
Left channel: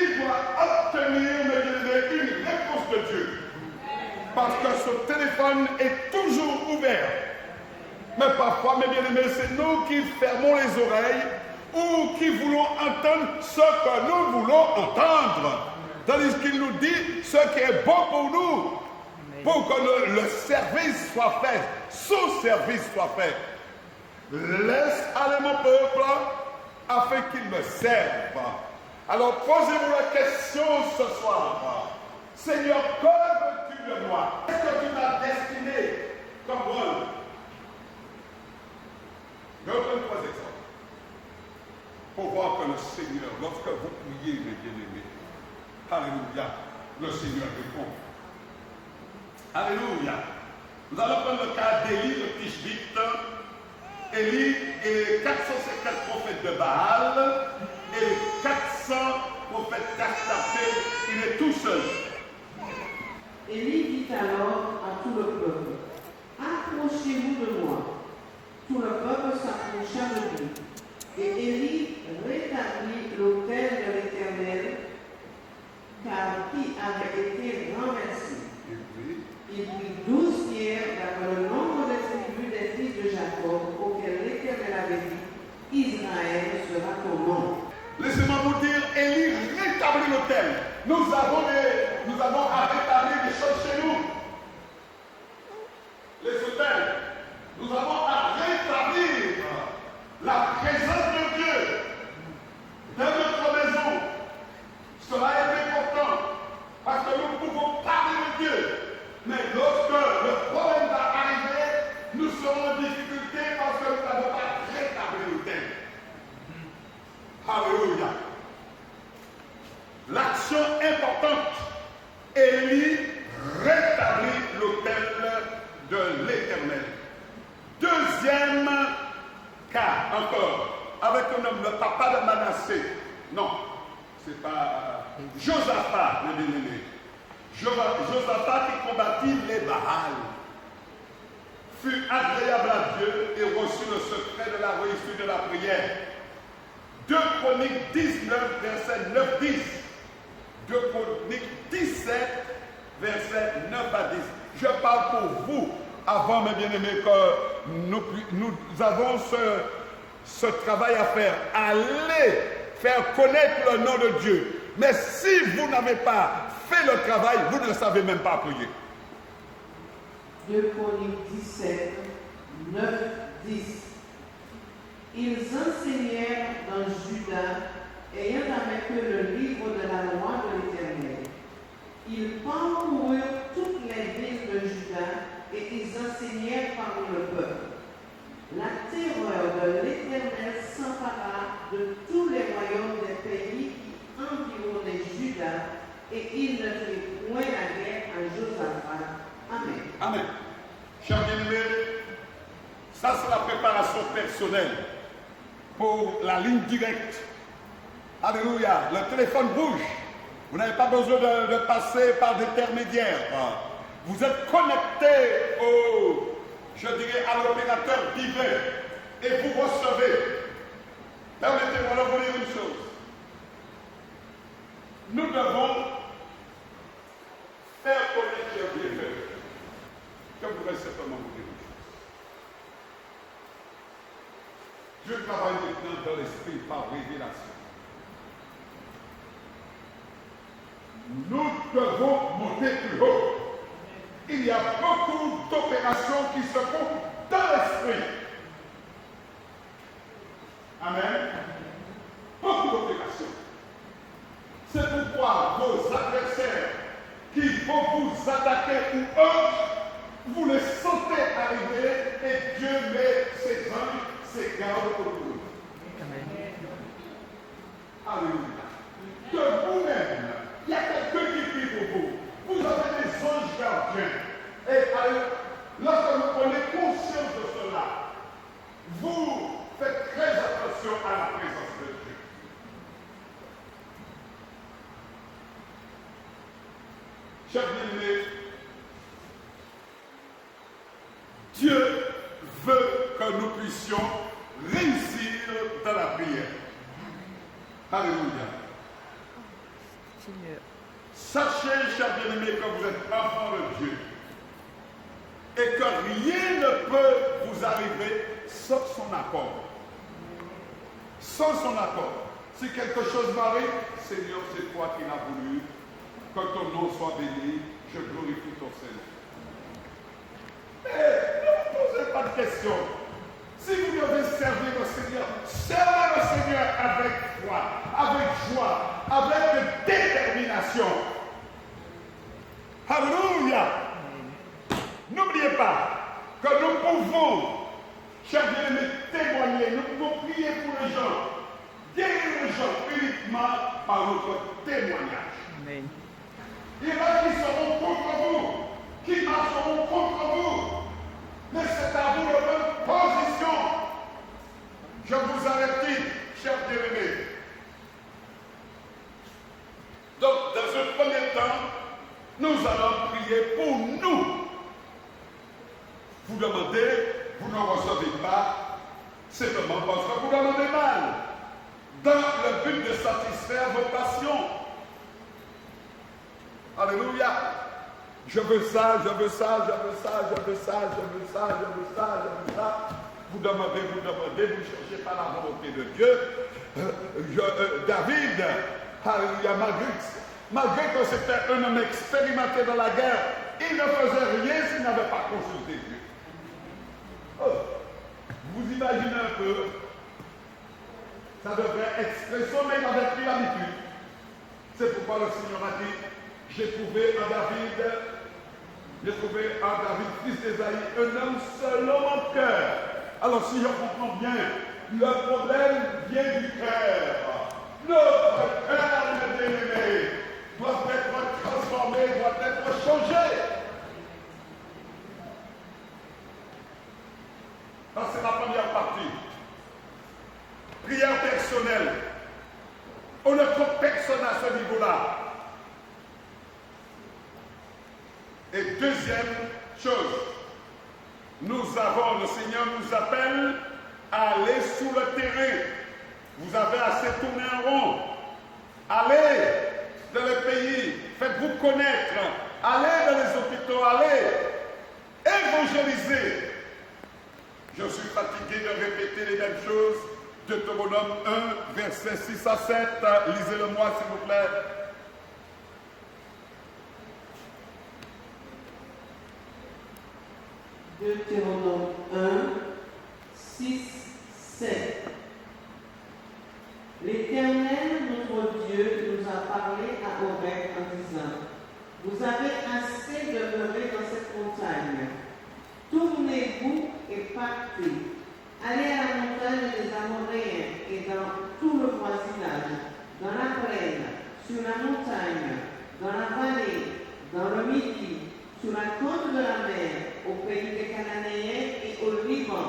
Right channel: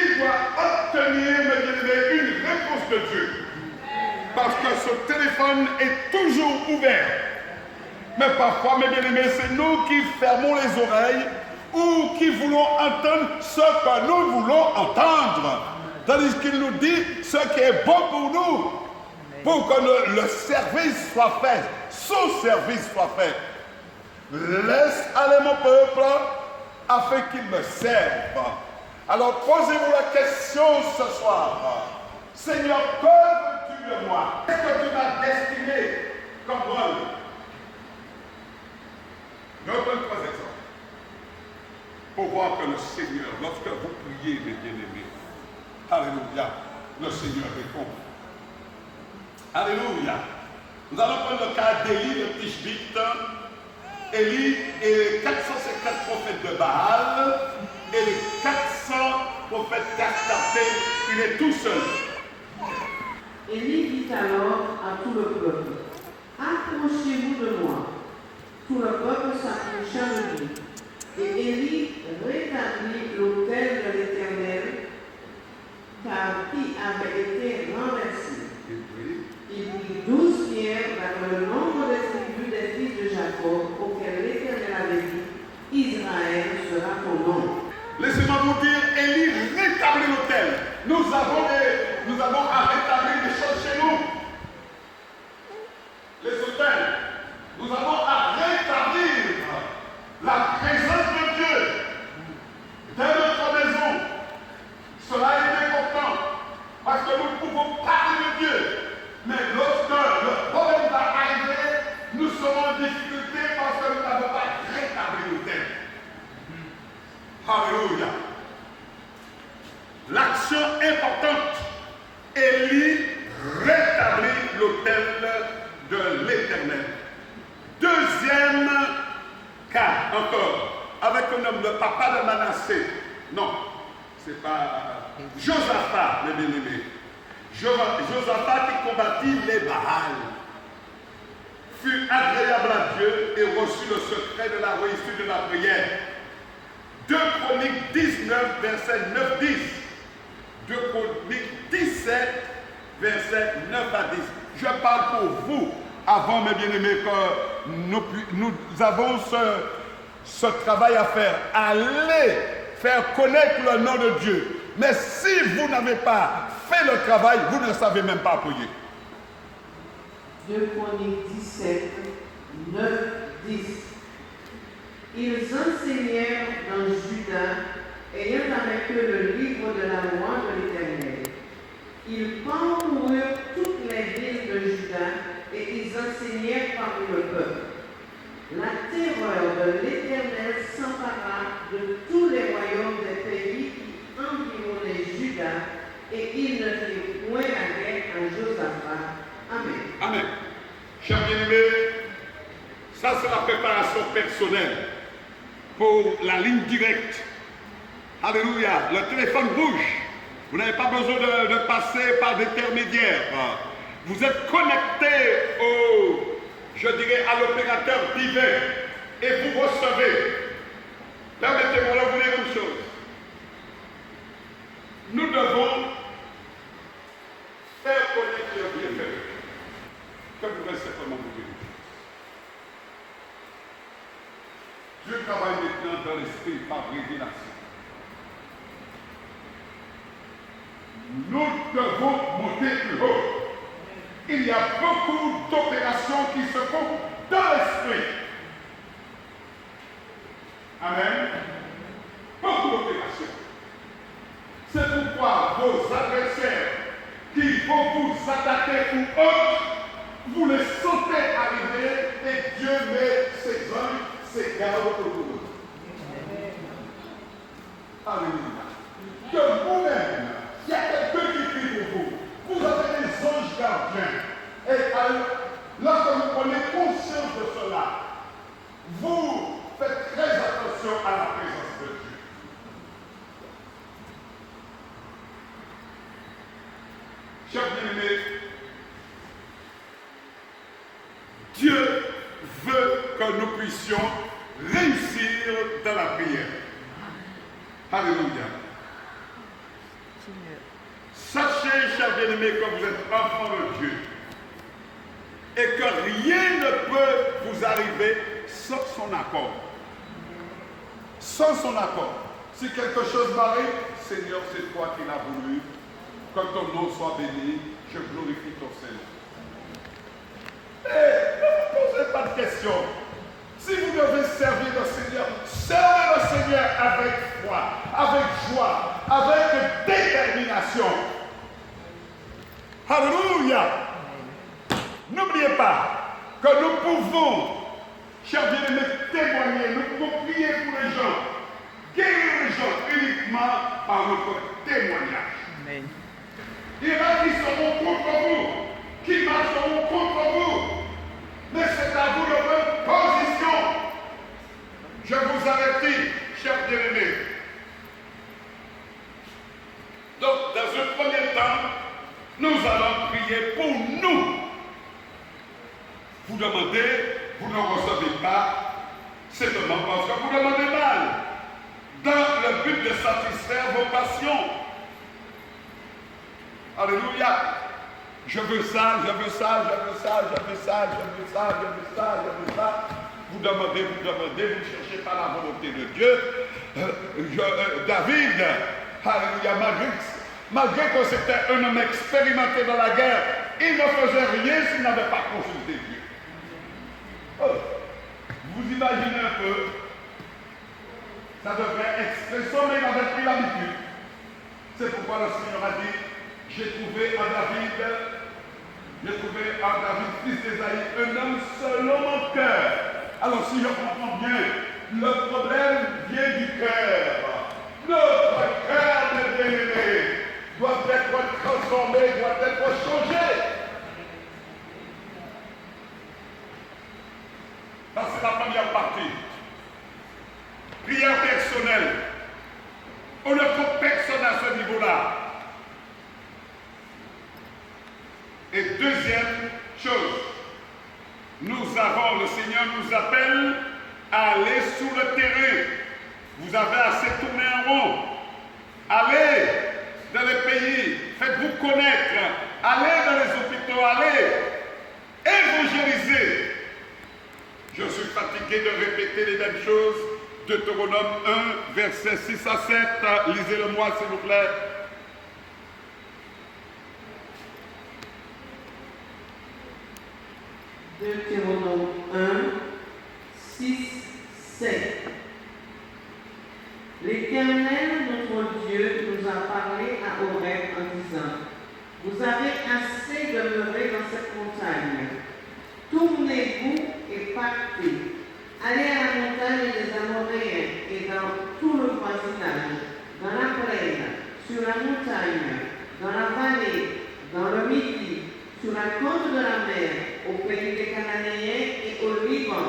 il doit obtenir une réponse de Dieu. Parce que ce téléphone est toujours ouvert. Mais parfois, mes bien-aimés, c'est nous qui fermons les oreilles ou qui voulons entendre ce que nous voulons entendre. Tandis qu'il nous dit ce qui est bon pour nous, pour que le service soit fait, son service soit fait. Laisse aller mon peuple afin qu'il me serve. Alors posez-vous la question ce soir. Seigneur, que veux-tu de moi? Qu'est-ce que tu m'as destiné comme rôle? Je vous donne 3 exemples. Pour voir que le Seigneur, lorsque vous priez, mes bien-aimés, alléluia, le Seigneur répond. Alléluia. Nous allons prendre le cas d'Élie de Tishbite. Élie et 450 prophètes de Baal et les 400 prophètes d'Astarté, il est tout seul. Élie dit alors à tout le peuple, approchez-vous de moi. Tout le peuple s'approcha de lui. Et Élie rétablit l'autel de l'Éternel, car qui avait été renversé. Il prit 12 pierres d'après le nombre des tribus des fils de Jacob, auxquels l'Éternel avait dit, Israël sera ton nom. Laissez-moi vous dire, Élie rétablit l'autel. Nous avons à rétablir des choses chez nous. Les autels. Nous avons à rétablir la présence de Dieu dans notre maison. Cela est important parce que nous pouvons parler de Dieu. Mais lorsque le problème va arriver, nous serons en difficulté parce que nous n'avons pas rétabli l'autel. Alléluia. L'action importante, Élie rétablit l'autel de l'Éternel. Deuxième cas, encore, avec un homme, le papa de Manassé. Non, c'est pas Josaphat, mes bien-aimés. Josaphat qui combattit les Baals fut agréable à Dieu et reçut le secret de la réussite de la prière. 2 Chroniques 19, versets 9-10. 2 Chroniques 17, versets 9 à 10. Je parle pour vous, avant, mes bien-aimés, que nous avons ce travail à faire. Allez faire connaître le nom de Dieu. Mais si vous n'avez pas fait le travail, vous ne savez même pas prier. 2 Chroniques 17, 9, 10. Ils enseignèrent dans Juda, ayant avec eux le livre de la loi de l'Éternel. Ils parcoururent toutes les villes de Juda et ils enseignèrent parmi le peuple. La terreur de l'Éternel s'empara de tous les royaumes des pays qui environnaient Juda et il ne fit point la guerre à Josaphat. Amen. Amen. Chers bien-aimés, ça c'est la préparation personnelle pour la ligne directe. Alléluia. Le téléphone bouge. Vous n'avez pas besoin de passer par d'intermédiaires. Vous êtes connecté à l'opérateur divin et vous recevez. Permettez-moi de vous dire une chose. Nous devons faire connaître le bienfait. Que vous restez simplement vous dire. Dieu travaille maintenant dans l'esprit par révélation. Nous devons monter plus haut. il y a beaucoup d'opérations qui se font dans l'esprit. Amen. Beaucoup d'opérations. C'est pourquoi vos adversaires qui vont vous attaquer ou autres, vous les sentez arriver et Dieu met ses anges, ses gardes autour de vous. Alléluia. Que vous-même, il y a quelqu'un qui prie pour vous. Vous avez des anges gardiens. Et lorsque vous prenez conscience de cela, vous faites très attention à la présence de Dieu. Chers bien-aimés, Dieu veut que nous puissions réussir dans la prière. Alléluia. Sachez, chers bien-aimés, que vous êtes enfants de Dieu et que rien ne peut vous arriver sans son accord. Sans son accord. Si quelque chose m'arrive, Seigneur, c'est toi qui l'as voulu. Que ton nom soit béni, je glorifie ton Seigneur. Mais ne vous posez pas de questions. Si vous devez servir le Seigneur, servez le Seigneur avec foi, avec joie, avec détermination. Alléluia. N'oubliez pas que nous pouvons, chers bien-aimés, témoigner, nous pouvons prier pour les gens, guérir les gens uniquement par notre témoignage. Amen. Il y en a qui seront contre vous, qui marcheront contre vous. Mais c'est à vous de prendre position. Je vous avertis, chers bien-aimés. Donc, dans un premier temps, nous allons prier pour nous. Vous demandez, vous ne recevez pas, simplement parce que vous demandez mal. Dans le but de satisfaire vos passions. Alléluia. Je veux ça, je veux ça, je veux ça, je veux ça, je veux ça, je veux ça, je veux ça. Vous demandez, vous ne cherchez pas la volonté de Dieu. David, alléluia, malgré que c'était un homme expérimenté dans la guerre, il ne faisait rien s'il n'avait pas consulté Dieu. Oh, vous imaginez un peu, ça devrait être stressant, mais il avait pris l'habitude. C'est pourquoi le Seigneur a dit, j'ai trouvé en David, fils d'Ésaïe, un homme selon mon cœur. Alors si je comprends bien, le problème vient du cœur. Notre cœur, mes bien-aimés, doit être transformé, doit être changé. Ça, c'est la première partie. Prière personnelle. On ne trouve personne à ce niveau-là. Et deuxième chose, le Seigneur nous appelle à aller sur le terrain. Vous avez assez tourné en rond. Allez dans les pays, faites-vous connaître. Allez dans les hôpitaux, allez évangéliser. Je suis fatigué de répéter les mêmes choses. Deutéronome 1, versets 6 à 7. Lisez-le-moi, s'il vous plaît. Deutéronome 1, 6, 7. L'Éternel, notre Dieu, nous a parlé à Horeb en disant, vous avez assez demeuré dans cette montagne. Tournez-vous et partez. Allez à la montagne des Amoréens et dans tout le voisinage, dans la plaine, sur la montagne, dans la vallée, dans le midi, sur la côte de la mer, au pays des Cananéens et au Liban,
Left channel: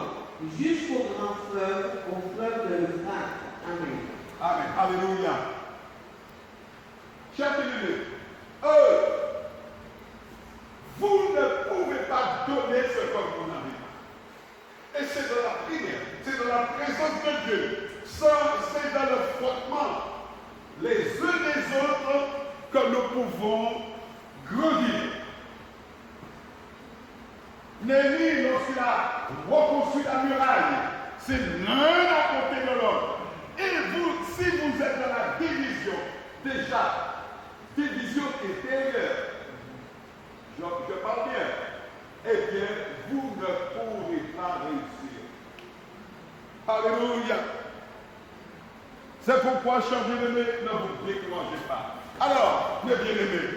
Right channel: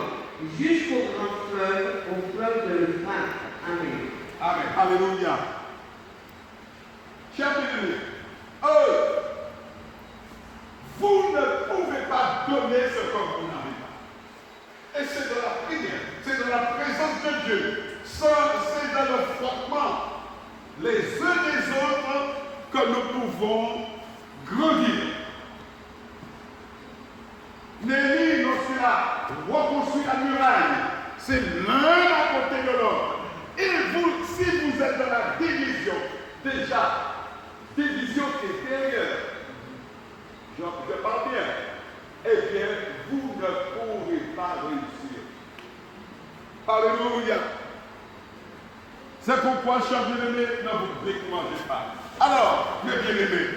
jusqu'au grand fleuve, au fleuve de l'Euphrate. Amen. Amen. Alléluia. Chers bien-aimés, vous ne pouvez pas donner ce que vous n'avez pas. Et c'est de la prière, c'est de la présence de Dieu. C'est dans le frottement les uns des autres que nous pouvons grandir. Néhémie, lorsqu'il a reconstruit la muraille, c'est l'un à côté de l'autre. Et vous, si vous êtes dans la division, déjà, division intérieure, je parle bien, bien, vous ne pourrez pas réussir. Alléluia. C'est pourquoi, chers bien-aimés, ne vous découragez pas. Alors, mes bien-aimés,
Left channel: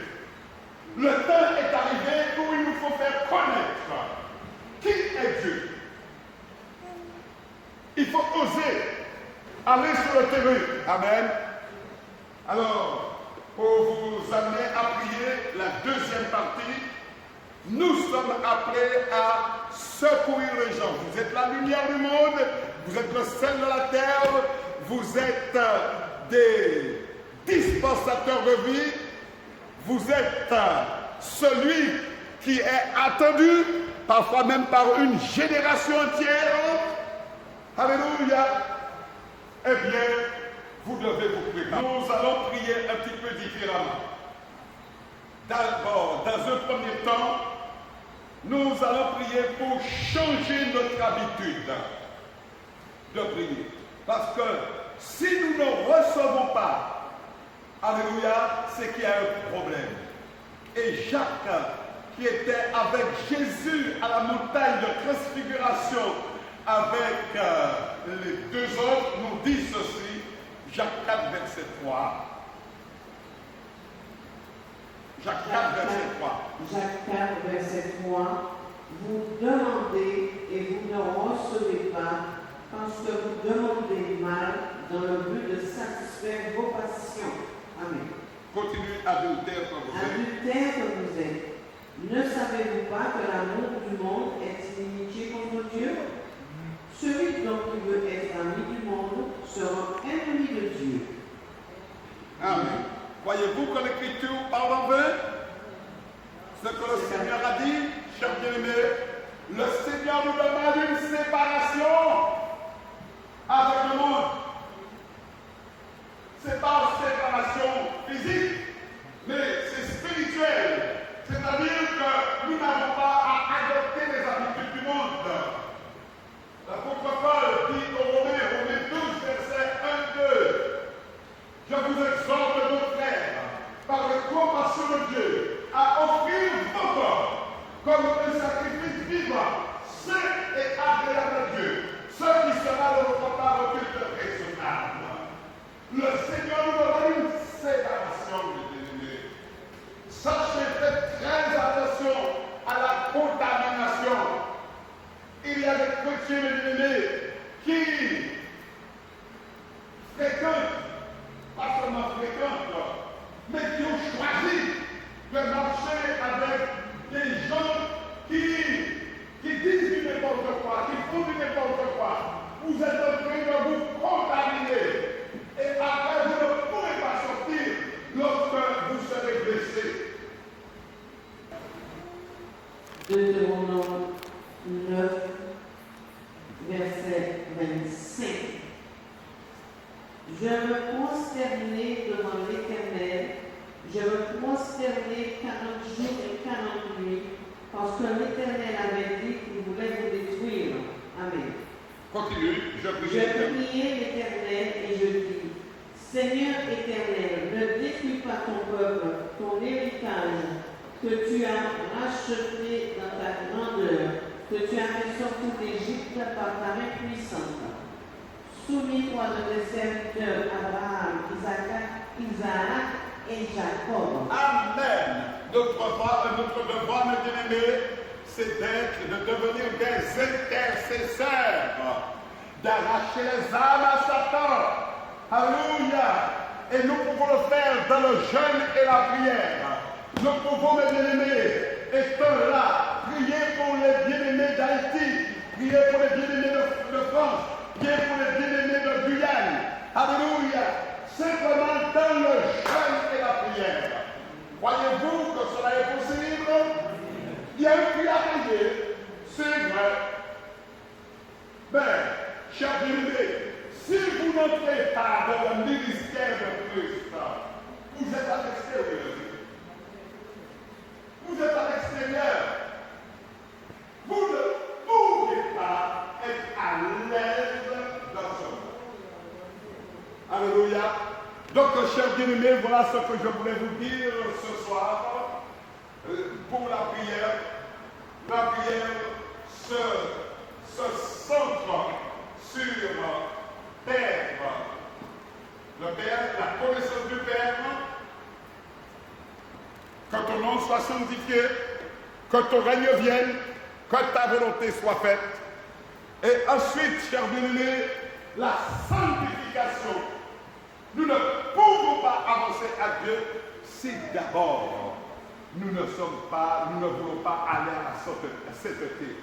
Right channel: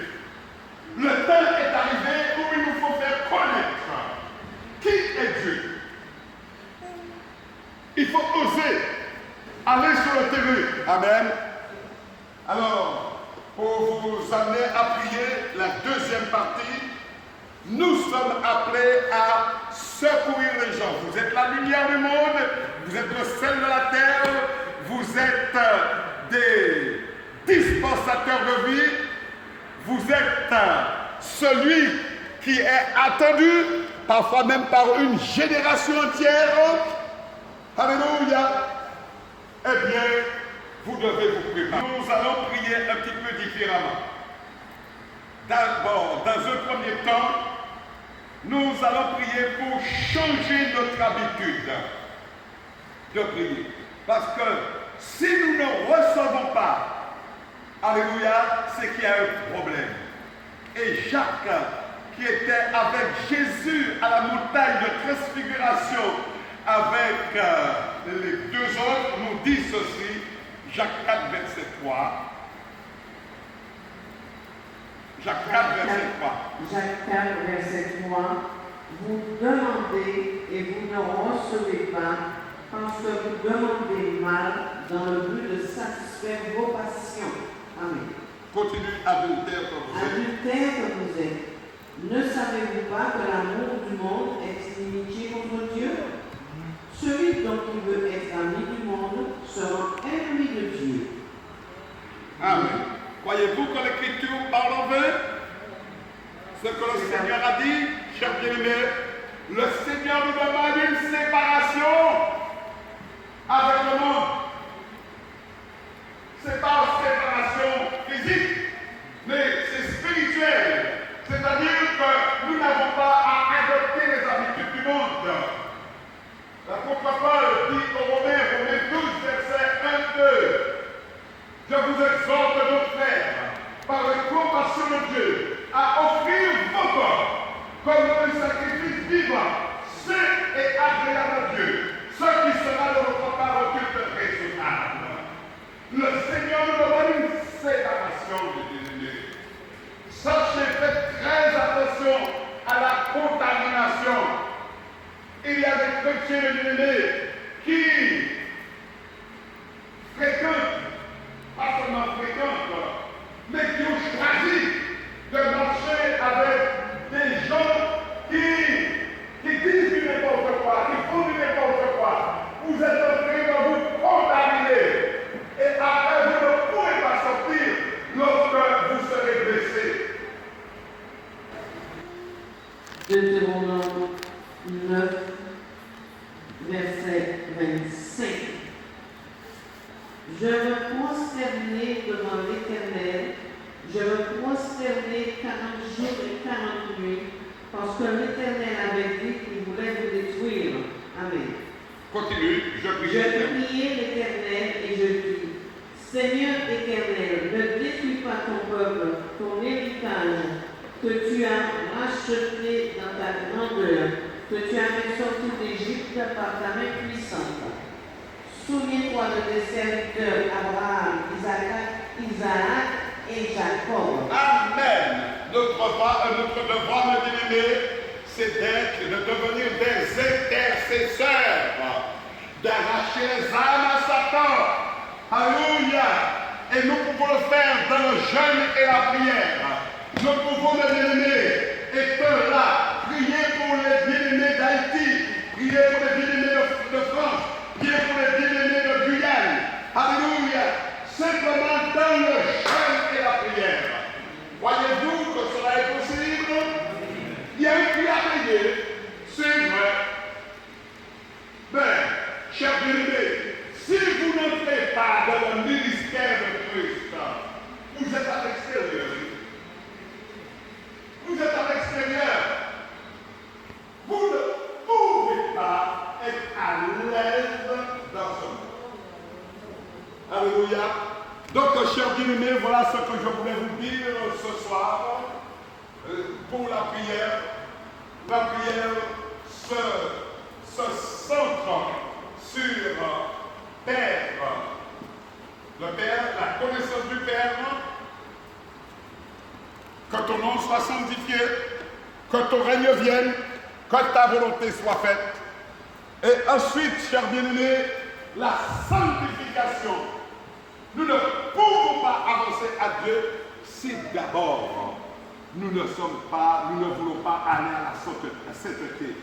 le temps est arrivé où il nous faut faire connaître qui est Dieu. Il faut oser aller sur le terrain. Amen. Alors, pour vous amener à prier la deuxième partie, nous sommes appelés à secourir les gens. Vous êtes la lumière du monde, vous êtes le sel de la terre, vous êtes des dispensateurs de vie, vous êtes celui qui est attendu, parfois même par une génération entière. Alléluia. Eh bien, vous devez vous préparer. Nous allons prier un petit peu différemment. D'abord, dans un premier temps, nous allons prier pour changer notre habitude de prier. Parce que si nous ne recevons pas, alléluia, c'est qu'il y a un problème. Et Jacques, qui était avec Jésus à la montagne de transfiguration, avec les deux autres, nous dit ceci, Jacques 4, verset 3. Jacques 4, verset 3. Jacques 4, verset 3. Vous demandez et vous ne recevez pas, parce que vous demandez mal dans le but de satisfaire vos passions. Amen. Continue, adultère que vous êtes. Adultère que vous êtes. Ne savez-vous pas que l'amour du monde est inimitié contre Dieu? Celui dont il veut être ami du monde sera ennemi de Dieu. Amen. Voyez-vous que l'Écriture parle en vain? Ce que le Seigneur a dit, chers bien-aimés, le Seigneur nous demande une séparation avec le monde. C'est pas une séparation physique, mais c'est spirituel. C'est-à-dire que nous n'avons pas à adopter les habitudes du monde. L'apôtre Paul dit aux Romains, Romains 12, verset 1, 2, je vous exhorte, mon frère, par la compassion de Dieu, à offrir vos corps comme un sacrifice vivant, saint et agréable à Dieu, ce qui sera de votre part au culte raisonnable. Le Seigneur nous donne une séparation, mes bien-aimés. Sachez, faites très attention à la contamination. Il y a des chrétiens, mes bien-aimés, qui fréquentent, pas seulement fréquentent, mais qui ont choisi de marcher avec des gens qui disent du n'importe quoi, qui font du n'importe quoi. Vous êtes en train de vous contaminer. Et après, vous ne pourrez pas sortir lorsque vous serez blessés. Deutéronome 9, verset 25. Je me prosternai devant l'Éternel, je me prosternai 40 jours et 40 nuits, parce que l'Éternel avait dit qu'il voulait vous détruire. Amen. Continue, je priai l'Éternel et je dis, Seigneur Éternel, ne détruis pas ton peuple, ton héritage, que tu as racheté dans ta grandeur, que tu as fait sortir d'Égypte par ta main puissante. Souviens-toi de tes serviteurs Abraham, Isaac et Jacob. Amen. Notre devoir, mes bien-aimés, c'est de devenir des intercesseurs, d'arracher les âmes à Satan. Alléluia. Et nous pouvons le faire dans le jeûne et la prière. Nous pouvons, mes bien-aimés, être là, prier pour les bien-aimés d'Haïti, prier pour les bien-aimés de France, prier pour les bien-aimés de Guyane. Alléluia. Simplement dans le jeûne et la prière. Voyez-vous que cela est possible? Il y a une prière à prier, c'est vrai. Mais, chers bien-aimés, si vous n'entrez pas dans le ministère de Christ, vous êtes à l'extérieur. Vous êtes à l'extérieur. Vous ne pouvez pas être à l'aise dans ce monde. Alléluia. Donc, chers bien-aimés, voilà ce que je voulais vous dire ce soir pour la prière. la prière se centre sur Père, le Père, la connaissance du Père, que ton nom soit sanctifié, que ton règne vienne, que ta volonté soit faite. Et ensuite, chers bien-aimés, la sanctification. Nous ne pouvons pas avancer à Dieu si d'abord nous ne voulons pas aller à la sainteté,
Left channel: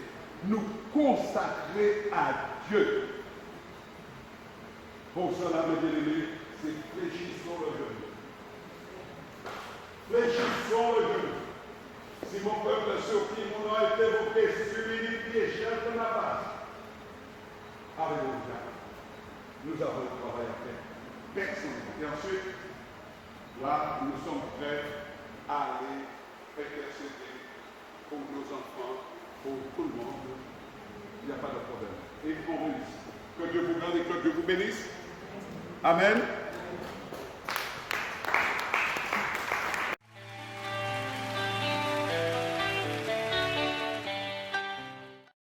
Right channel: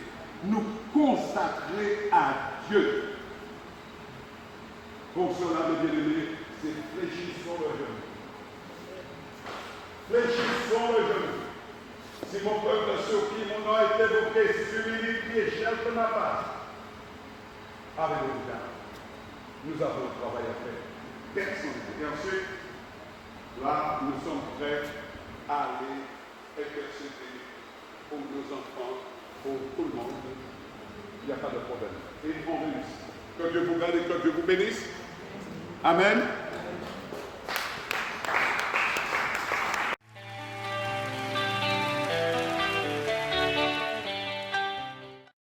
nous consacrer à Dieu. Pour cela, mes bien-aimés, c'est fléchissons le genou. Fléchissons le genou. Si mon peuple sur qui mon nom est évoqué s'humilie et cherche ma face, alléluia, nous avons un travail à faire. Personne. Et ensuite, là, nous sommes prêts à aller intercéder pour nos enfants, pour tout le monde. Il n'y a pas de problème. Et on bénisse. Que Dieu vous garde et que Dieu vous bénisse. Amen.